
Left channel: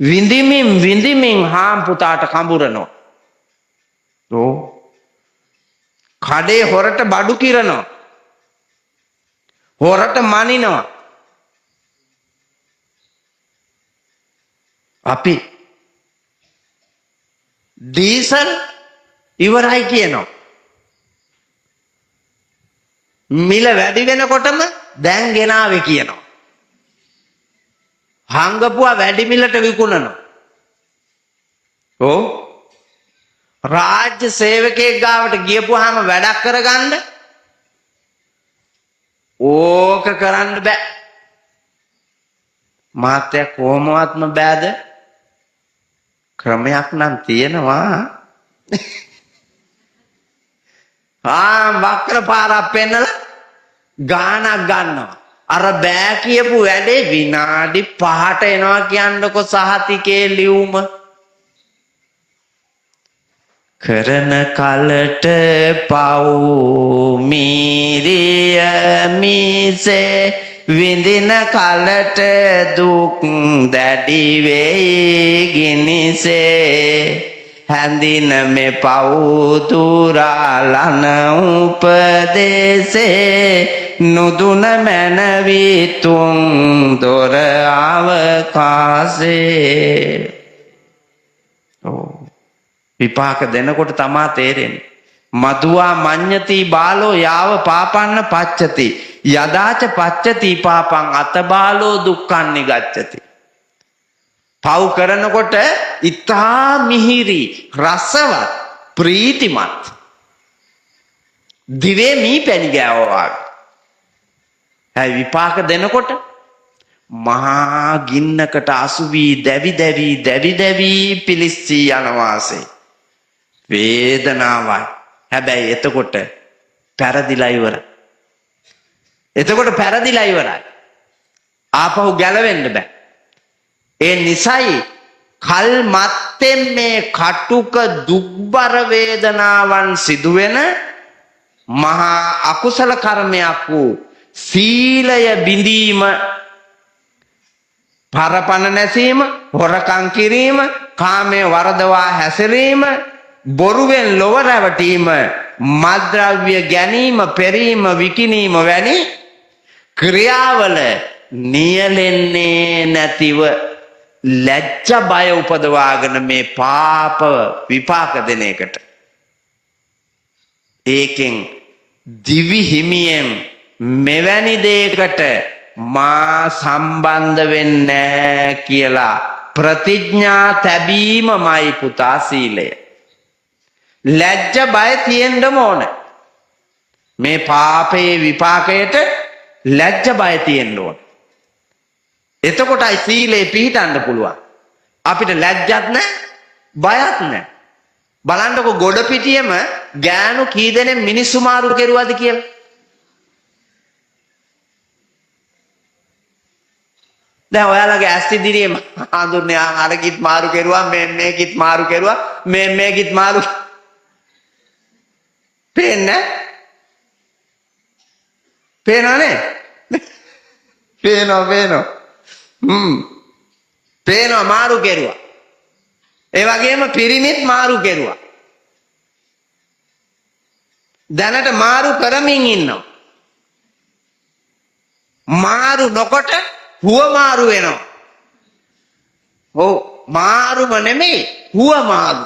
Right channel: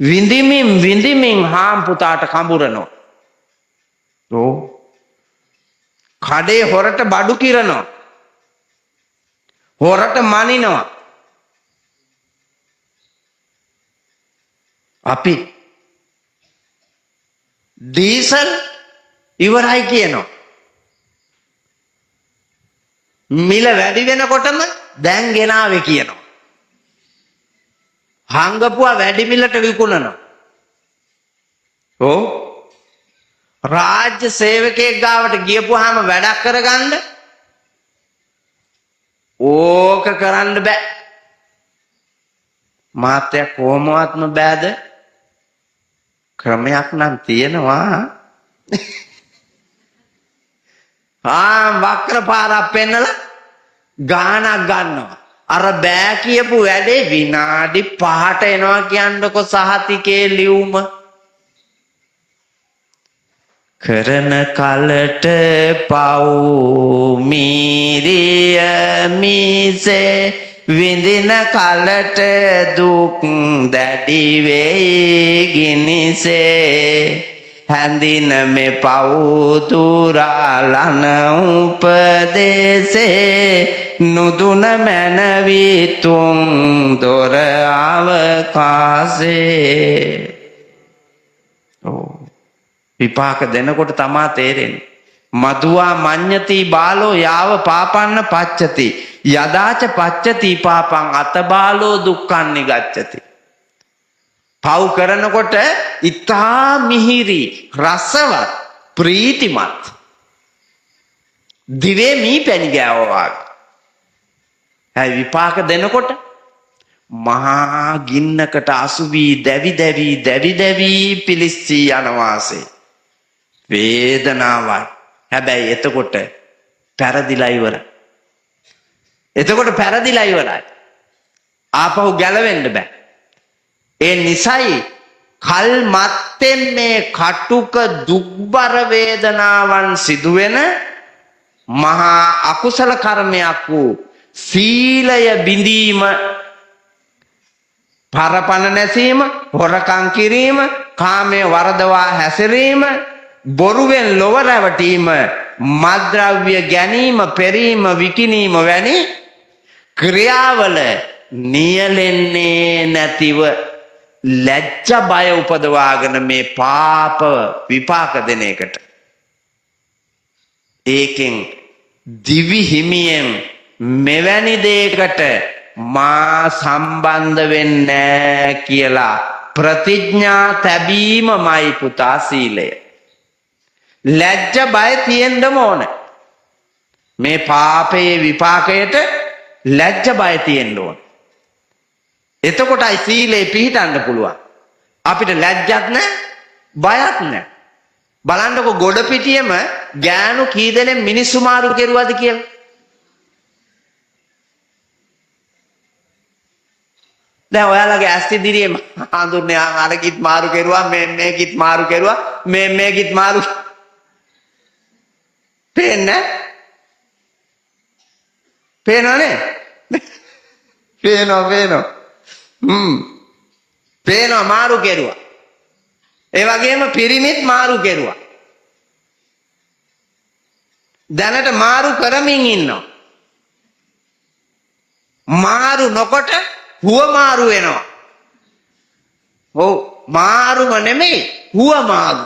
විඳිමින් රාම් පුතාට හම්බුනනවා කඩේ හොරට බඩු කිරනවා හොරට මනිනවා අපි දීසල් ඉවරයි කියනවා මිල වැඩි වෙනකොටම දැන් ගෙනාවේ කියනවා හංගපුවා වැඩි මිලට විකුණනවා ඔව් රාජ්‍ය සේවකයෙක් ගාවට ගියපුවාම වැඩක් කරගන්න ඕක කරන්න බෑ මාත්‍ය කොහොමවත්ම බෑද ක්‍රමයක් නම් තියෙනවා වක්‍ර පාරක් පෙන්නලා ගානක් ගන්නවා අර බෑ කියපු වැඩේ විනාඩි 5ට එනවා කියන්නකො සහතිකේ ලියුම කරන කලට පව් මීරිය මිසේ විඳින කලට දුක් දැඩි වේ ගිනිසේ හැඳින මේ පව් තුරාලන උපදේසේ නුදුන මැනවි තුන් දොර අවකාශේ විපාක දෙනකොට තමා තේරෙන්නේ මදුවා මඤ්ඤති බාලෝ යාව පාපන්න පච්චති යදාච පච්චති පාපං අත බාලෝ දුක්ඛං නිගච්ඡති පව් කරනකොට ඉතා මිහිරි රසව ප්‍රීතිමත් දිවේ නීකරනවා විපාක දෙනකොට මහා ගින්නකට අසුවී දැවි පිලිස්සී යනවාසේ වේදනාවයි හැබැයි එතකොට පෙරදිලා ඉවරයි ආපහු ගැලවෙන්න බෑ ඒ නිසයි කල් මත්තෙන් මේ කටුක දුක්බර වේදනාවන් සිදුවෙන මහා අකුසල කර්මයක් වූ සීලය බිඳීම පරපණ නැසීම හොරකම් කිරීම කාමයේ වරදවා හැසිරීම බොරුවෙන් ලොව රැවටීම මද්ද්‍රව්‍ය ගැනීම පෙරීම විකිණීම වැනි ක්‍රියාවල නියැලෙන්නේ නැතිව ලැජ්ජ බය උපදවාගෙන මේ පාප විපාක දෙන එකට ඒකෙන් දිවි හිමියෙන් මෙවැනි දෙයකට මා සම්බන්ධ වෙන්නේ කියලා ප්‍රතිඥා තැබීමමයි පුතා සීලය ලැජ්ජ බය තියෙන්නම ඕන මේ පාපයේ විපාකයට ලැජ්ජ බය තියෙන්න ඕන එතකොටයි සීලේ පිහිටන්න පුළුවන් අපිට ලැජ්ජත් නැහැ බයත් නැහැ බලන්නකො ගොඩ පිටියම ගෑනු කී දෙනෙක් මිනිස්සු මාරු කෙරුවද කියලා දැන් ඔයාලගේ ඇස් ඉදිරියේ හඳුන්නේ අරකිත් මාරු කෙරුවා මේකිත් මාරු කෙරුවා මේකිත් මාරු පේන්නේ පේනවනේ පේනවා පේනවා මාරු කෙරුවා ඒ වගේම පිරිමිත් මාරු කෙරුවා දැනට මාරු කරමින් ඉන්නවා මාරු නොකොට හුව මාරු වෙනවා ඔව් මාරුම නෙමෙයි හුව මාරු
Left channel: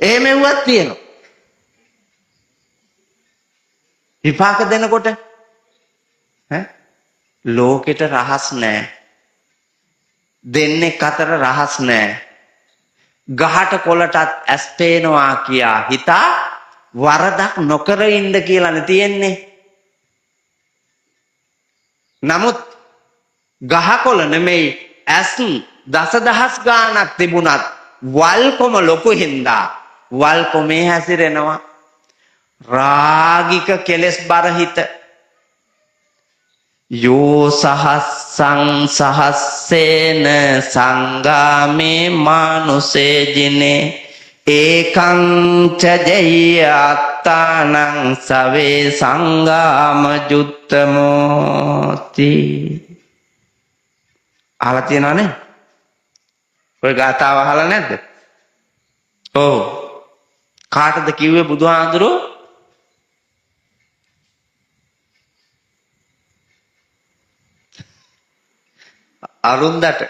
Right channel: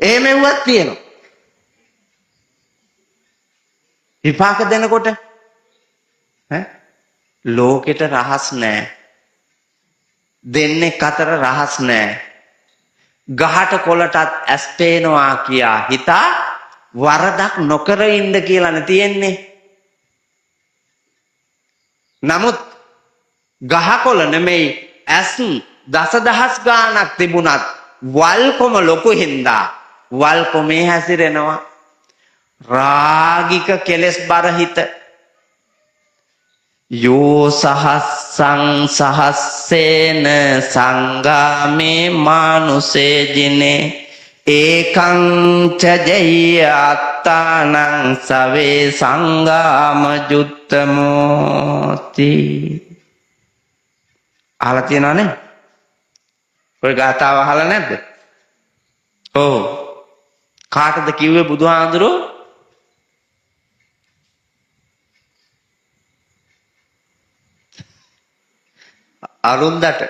එහෙමවත් තියෙනවා විපාක දෙනකොට ලෝකෙට රහස් නැහැ දෙන්නෙක් අතර රහස් නැහැ ගහට කොළටත් ඇස් පේනවා කියා හිතා වරදක් නොකර ඉන්න කියලානේ තියෙන්නේ නමුත් ගහකොළ නෙමෙයි ඇස් දසදහස් ගාණක් තිබුණත් වල්පොම ලොකු හින්දා වල්පොමේ හැසිරෙනවා රාගික කෙලෙස් බරහිත යෝ සහස්සං සහස්සේන සංගාමේ මානුසේ ජිනේ ඒකං ච ජය අත්තානං සවේ සංගාම ජුත්තමෝති අහලා තියෙනවනේ ඔය ගාථාව අහලා නැද්ද ඔව් කාටද කිව්වේ බුදුහාඳුරෝ අරුන්දට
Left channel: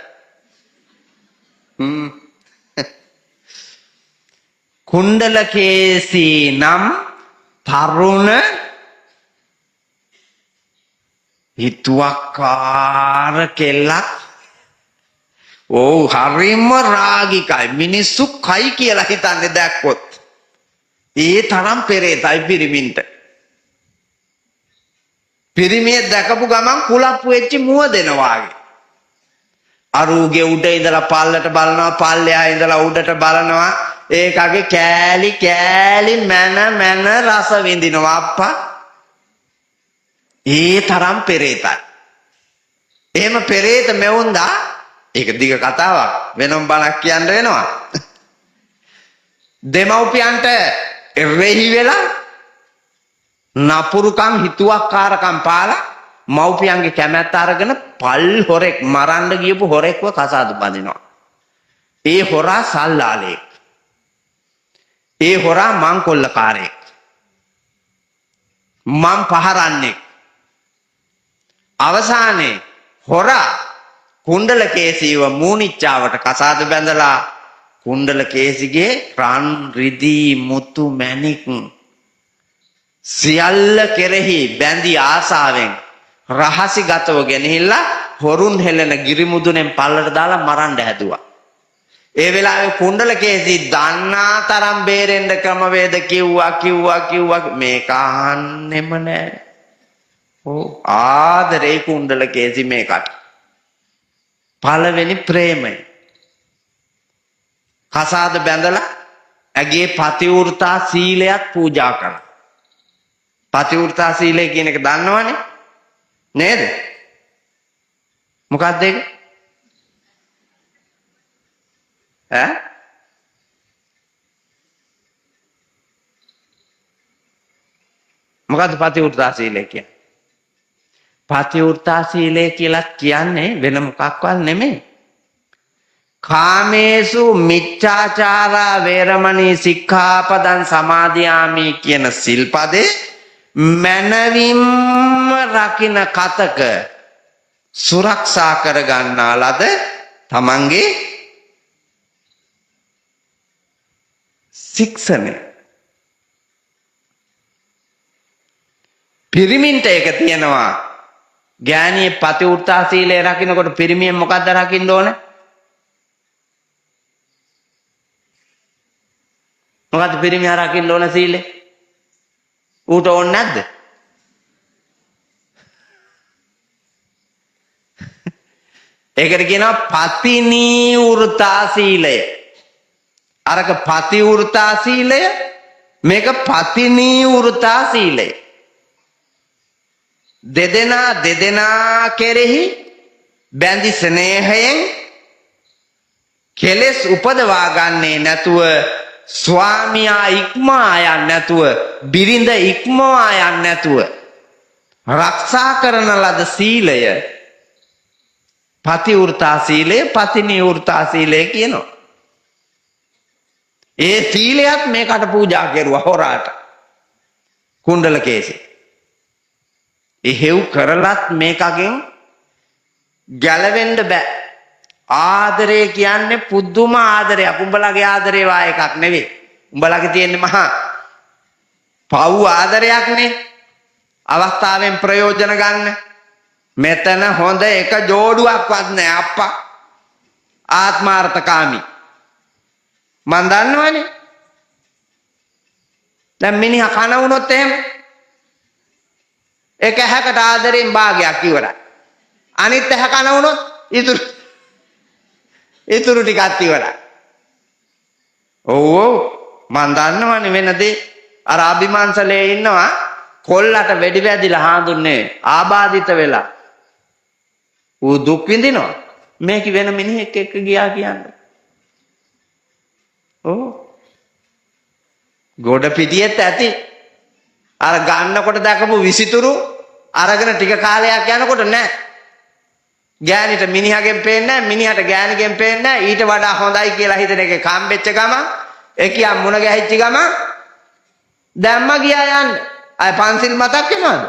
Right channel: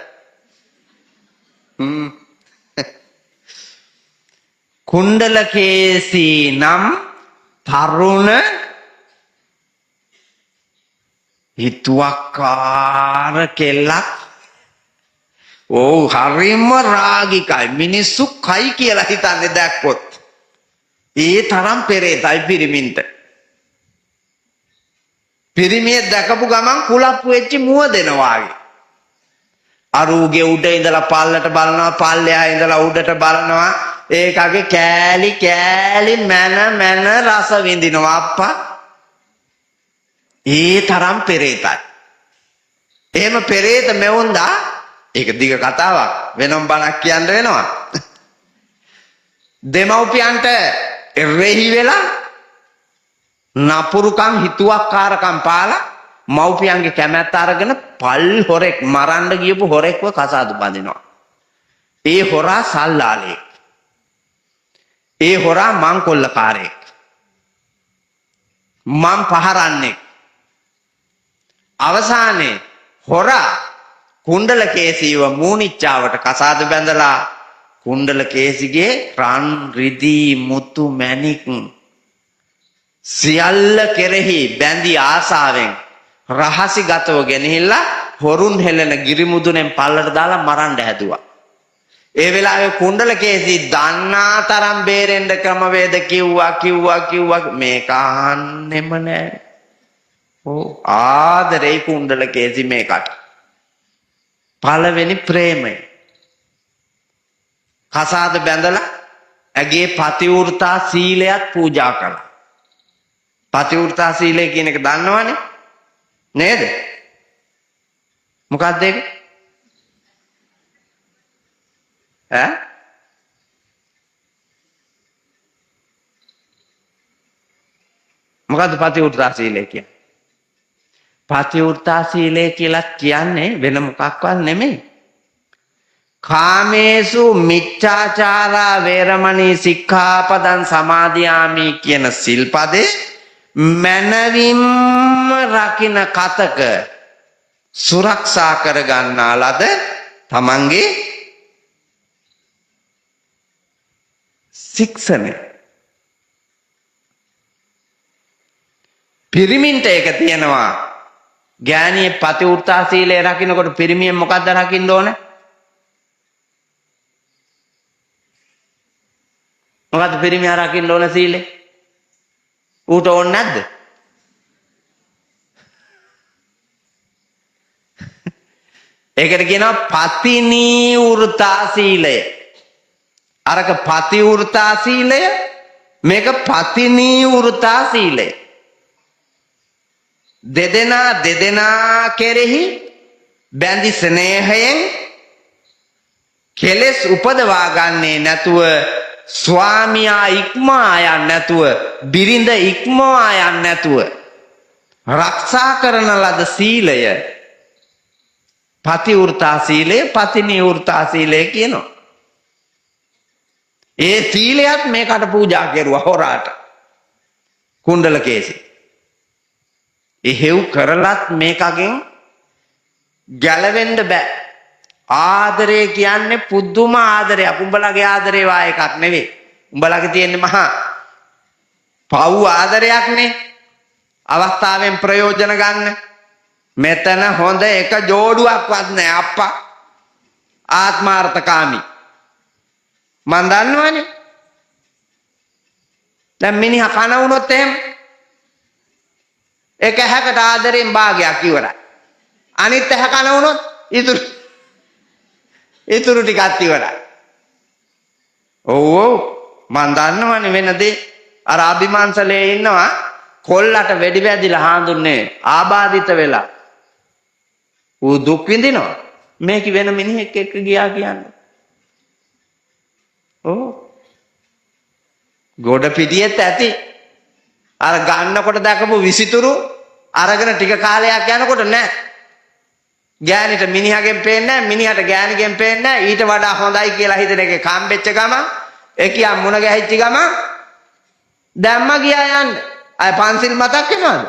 කුණ්ඩලකේසී නම් තරුණ හිතුවක්කාර කෙල්ලක් ඔව් හරිම රාගිකයි මිනිස්සු කයි කියලා හිතන්නේ දැක්කොත් ඒ තරම් පෙරේතයි පිරිමින්ට පිරිමිය දැකපු ගමන් කුලප්පු වෙච්ච මුව දෙනවාගේ අරූගේ උඩ ඉඳලා පල්ලට බලනවා පල්ලෙහා ඉඳලා උඩට බලනවා ඒකගේ කෑලි කෑලි මන රස විඳිනවා අප්පා ඒ තරම් පෙරේතයි එහෙම පෙරේත මෙවුන්දා ඒක දිග කතාවක් වෙනම බණක් කියන්න වෙනවා දෙමව්පියන්ට එරෙහි වෙලා නපුරුකම් හිතුවක්කාරකම් පාලා මව්පියන්ගේ කැමැත්ත අරගෙන පල් හොරෙක් මරන්න ගියපු හොරෙක්ව කසාද බඳිනවා ඒ හොරා සල්ලාලෙක් ඒ හොරා මංකොල්ලකාරයෙක් මං පහරන්නේ අවසානයේ හොරා කුණ්ඩලකේසීව මූනිච්චාවට කසාද බැඳලා කුණ්ඩලකේසිගේ රන් රිදී මුතු මැණික් සියල්ල කෙරෙහි බැඳි ආසාවෙන් රහසිගතව ගෙනහිල්ලා හොරුන් හෙලන ගිරිමුදුනෙන් පල්ලට දාලා මරන්න හැදුවා. ඒ වෙලාවේ කුණ්ඩලකේසී දන්නා තරම් බේරෙන්න ක්‍රමවේද කිව්වා මේක අහන්නෙම නෑ. ඔව් ආදරේ කුණ්ඩලකේසී මේකට. පළවෙනි ප්‍රේමය. කසාද බැඳලා ඇගේ පතිවෘතා සීලයක් පූජා කළා. පතිවෘතා සීලය කියන එක දන්නවනේ නේද? මොකක්ද ඒක? මොකද්ද පතිවෘතා සීලය කියන්නේ? පතිවෘතා සීලය කියලා කියන්නේ වෙන මොකක්වත් නෙමෙයි. කාමේසු මිච්ඡාචාරා වේරමණී සික්ඛාපදං සමාදියාමි කියන සිල්පදේ මනවින්ම රකින්න කතක සුරක්ෂා කර ගන්නා ලද තමන්ගේ ශික්ෂණය. පිරිමින්ට ඒක තියෙනවා. ගෑණියේ පතිවෘතා සීලය රකින්නකොට පිරිමියෙන් මොකද්ද රකින්න ඕනේ? මොකද්ද පිරිමියා රකින්න ඕන සීලේ? ඌට ඕනේ නැද්ද? ඒකට කියනවා පතිනිවෘතා සීලය. අරක පතිවෘතා සීලය මේක පතිනිවෘතා සීලය. දෙදෙනා කෙරෙහි බැඳි ස්නේහයෙන් කෙලෙස් උපදවා ගන්නේ නැතුව ස්වාමියා ඉක්මවා යන්නේ නැතුව බිරිඳ ඉක්මවා යන්නේ නැතුව රක්ෂා කරන ලද සීලය පතිවෘතා සීලය පතිනිවෘතා සීලය කියනවා. ඒ සීලයක් මේකට පූජා කරුවා හොරාට කුණ්ඩල කේසි. එහෙව් කරලත් මේකෙන් ගැලවෙන්න බෑ. ආදරය කියන්නේ පුදුම ආදරයක්. උඹලගේ ආදරේ වා එකක් නෙවෙයි. උඹලගේ තියෙන මහා පව් ආදරයක්නේ. අවස්ථාවෙන් ප්‍රයෝජන ගන්න. මෙතන හොඳ එක ජෝඩුවක්වත් නෑ අප්පා. ආත්මාර්ථකාමී. මන් දන්නවනේ. දැන් මිනිහා අහනකොට ඒක හැම ආදරේ භාගයක් කියලා. අනිත් එක කරනකොට ඉතින් ඒකේ කාර්යය. ඕ මාසන්නවනේ මෙතේ ආදිමාසලේ ඉන්නවා කොල්ලට වෙඩි ගැදිලා ආන්නේ ආබාධිත වෙලා. ਉਹ දුක් විඳිනවා. මේක වෙන මිනිහෙක් එක්ක ගියා කියන්නේ. ඕ ගොඩ පිටියෙත් ඇති. අර ගන්නකොට දැකපු විසිතුරු අරගෙන ටික කාලයක් යනකොට නෑ. ගෑනිට මිනිහගෙන් පේන්නේ මිනිහට ගෑනිගෙන් පේන්නේ ඊට වඩා හොඳයි කියලා හිතන එක කම්පෙච්ච ගම එකියා මුණ ගැහිච්ච ගම දැම්ම කියලා අය පන්සිල් පතක් කියනවා.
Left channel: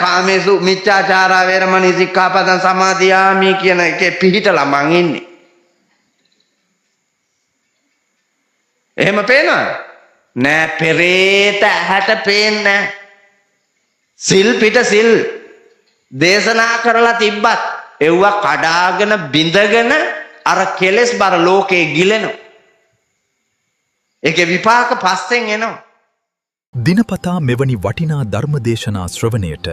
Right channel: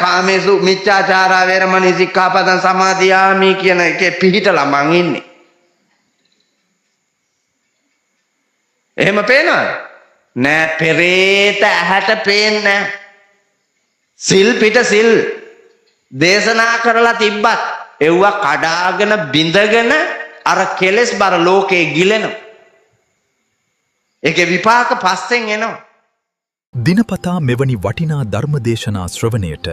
කාමේසු මිච්ඡාචාර වේරමණී සික්ඛාපද සමාදියාමි කියන එකේ පිළිතර මං ඉන්නේ. එහෙම පේනවද? නෑ පෙරේත ඇහැට පේන්නේ නෑ. සිල් පිට සිල් දේශනා කරලා තිබ්බත් එව්ව කඩාගෙන බිඳගෙන අර කෙලෙස් බර ලෝකේ ගිලෙනවා. ඒකේ විපාක පස්සෙන් එනවා. දිනපතා මෙවැනි වටිනා ධර්ම දේශනා ශ්‍රවණයට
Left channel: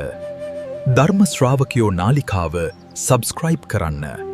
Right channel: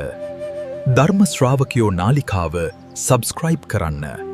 ධර්ම ශ්‍රාවකයෝ නාලිකාව සබ්ස්ක්‍රයිබ් කරන්න.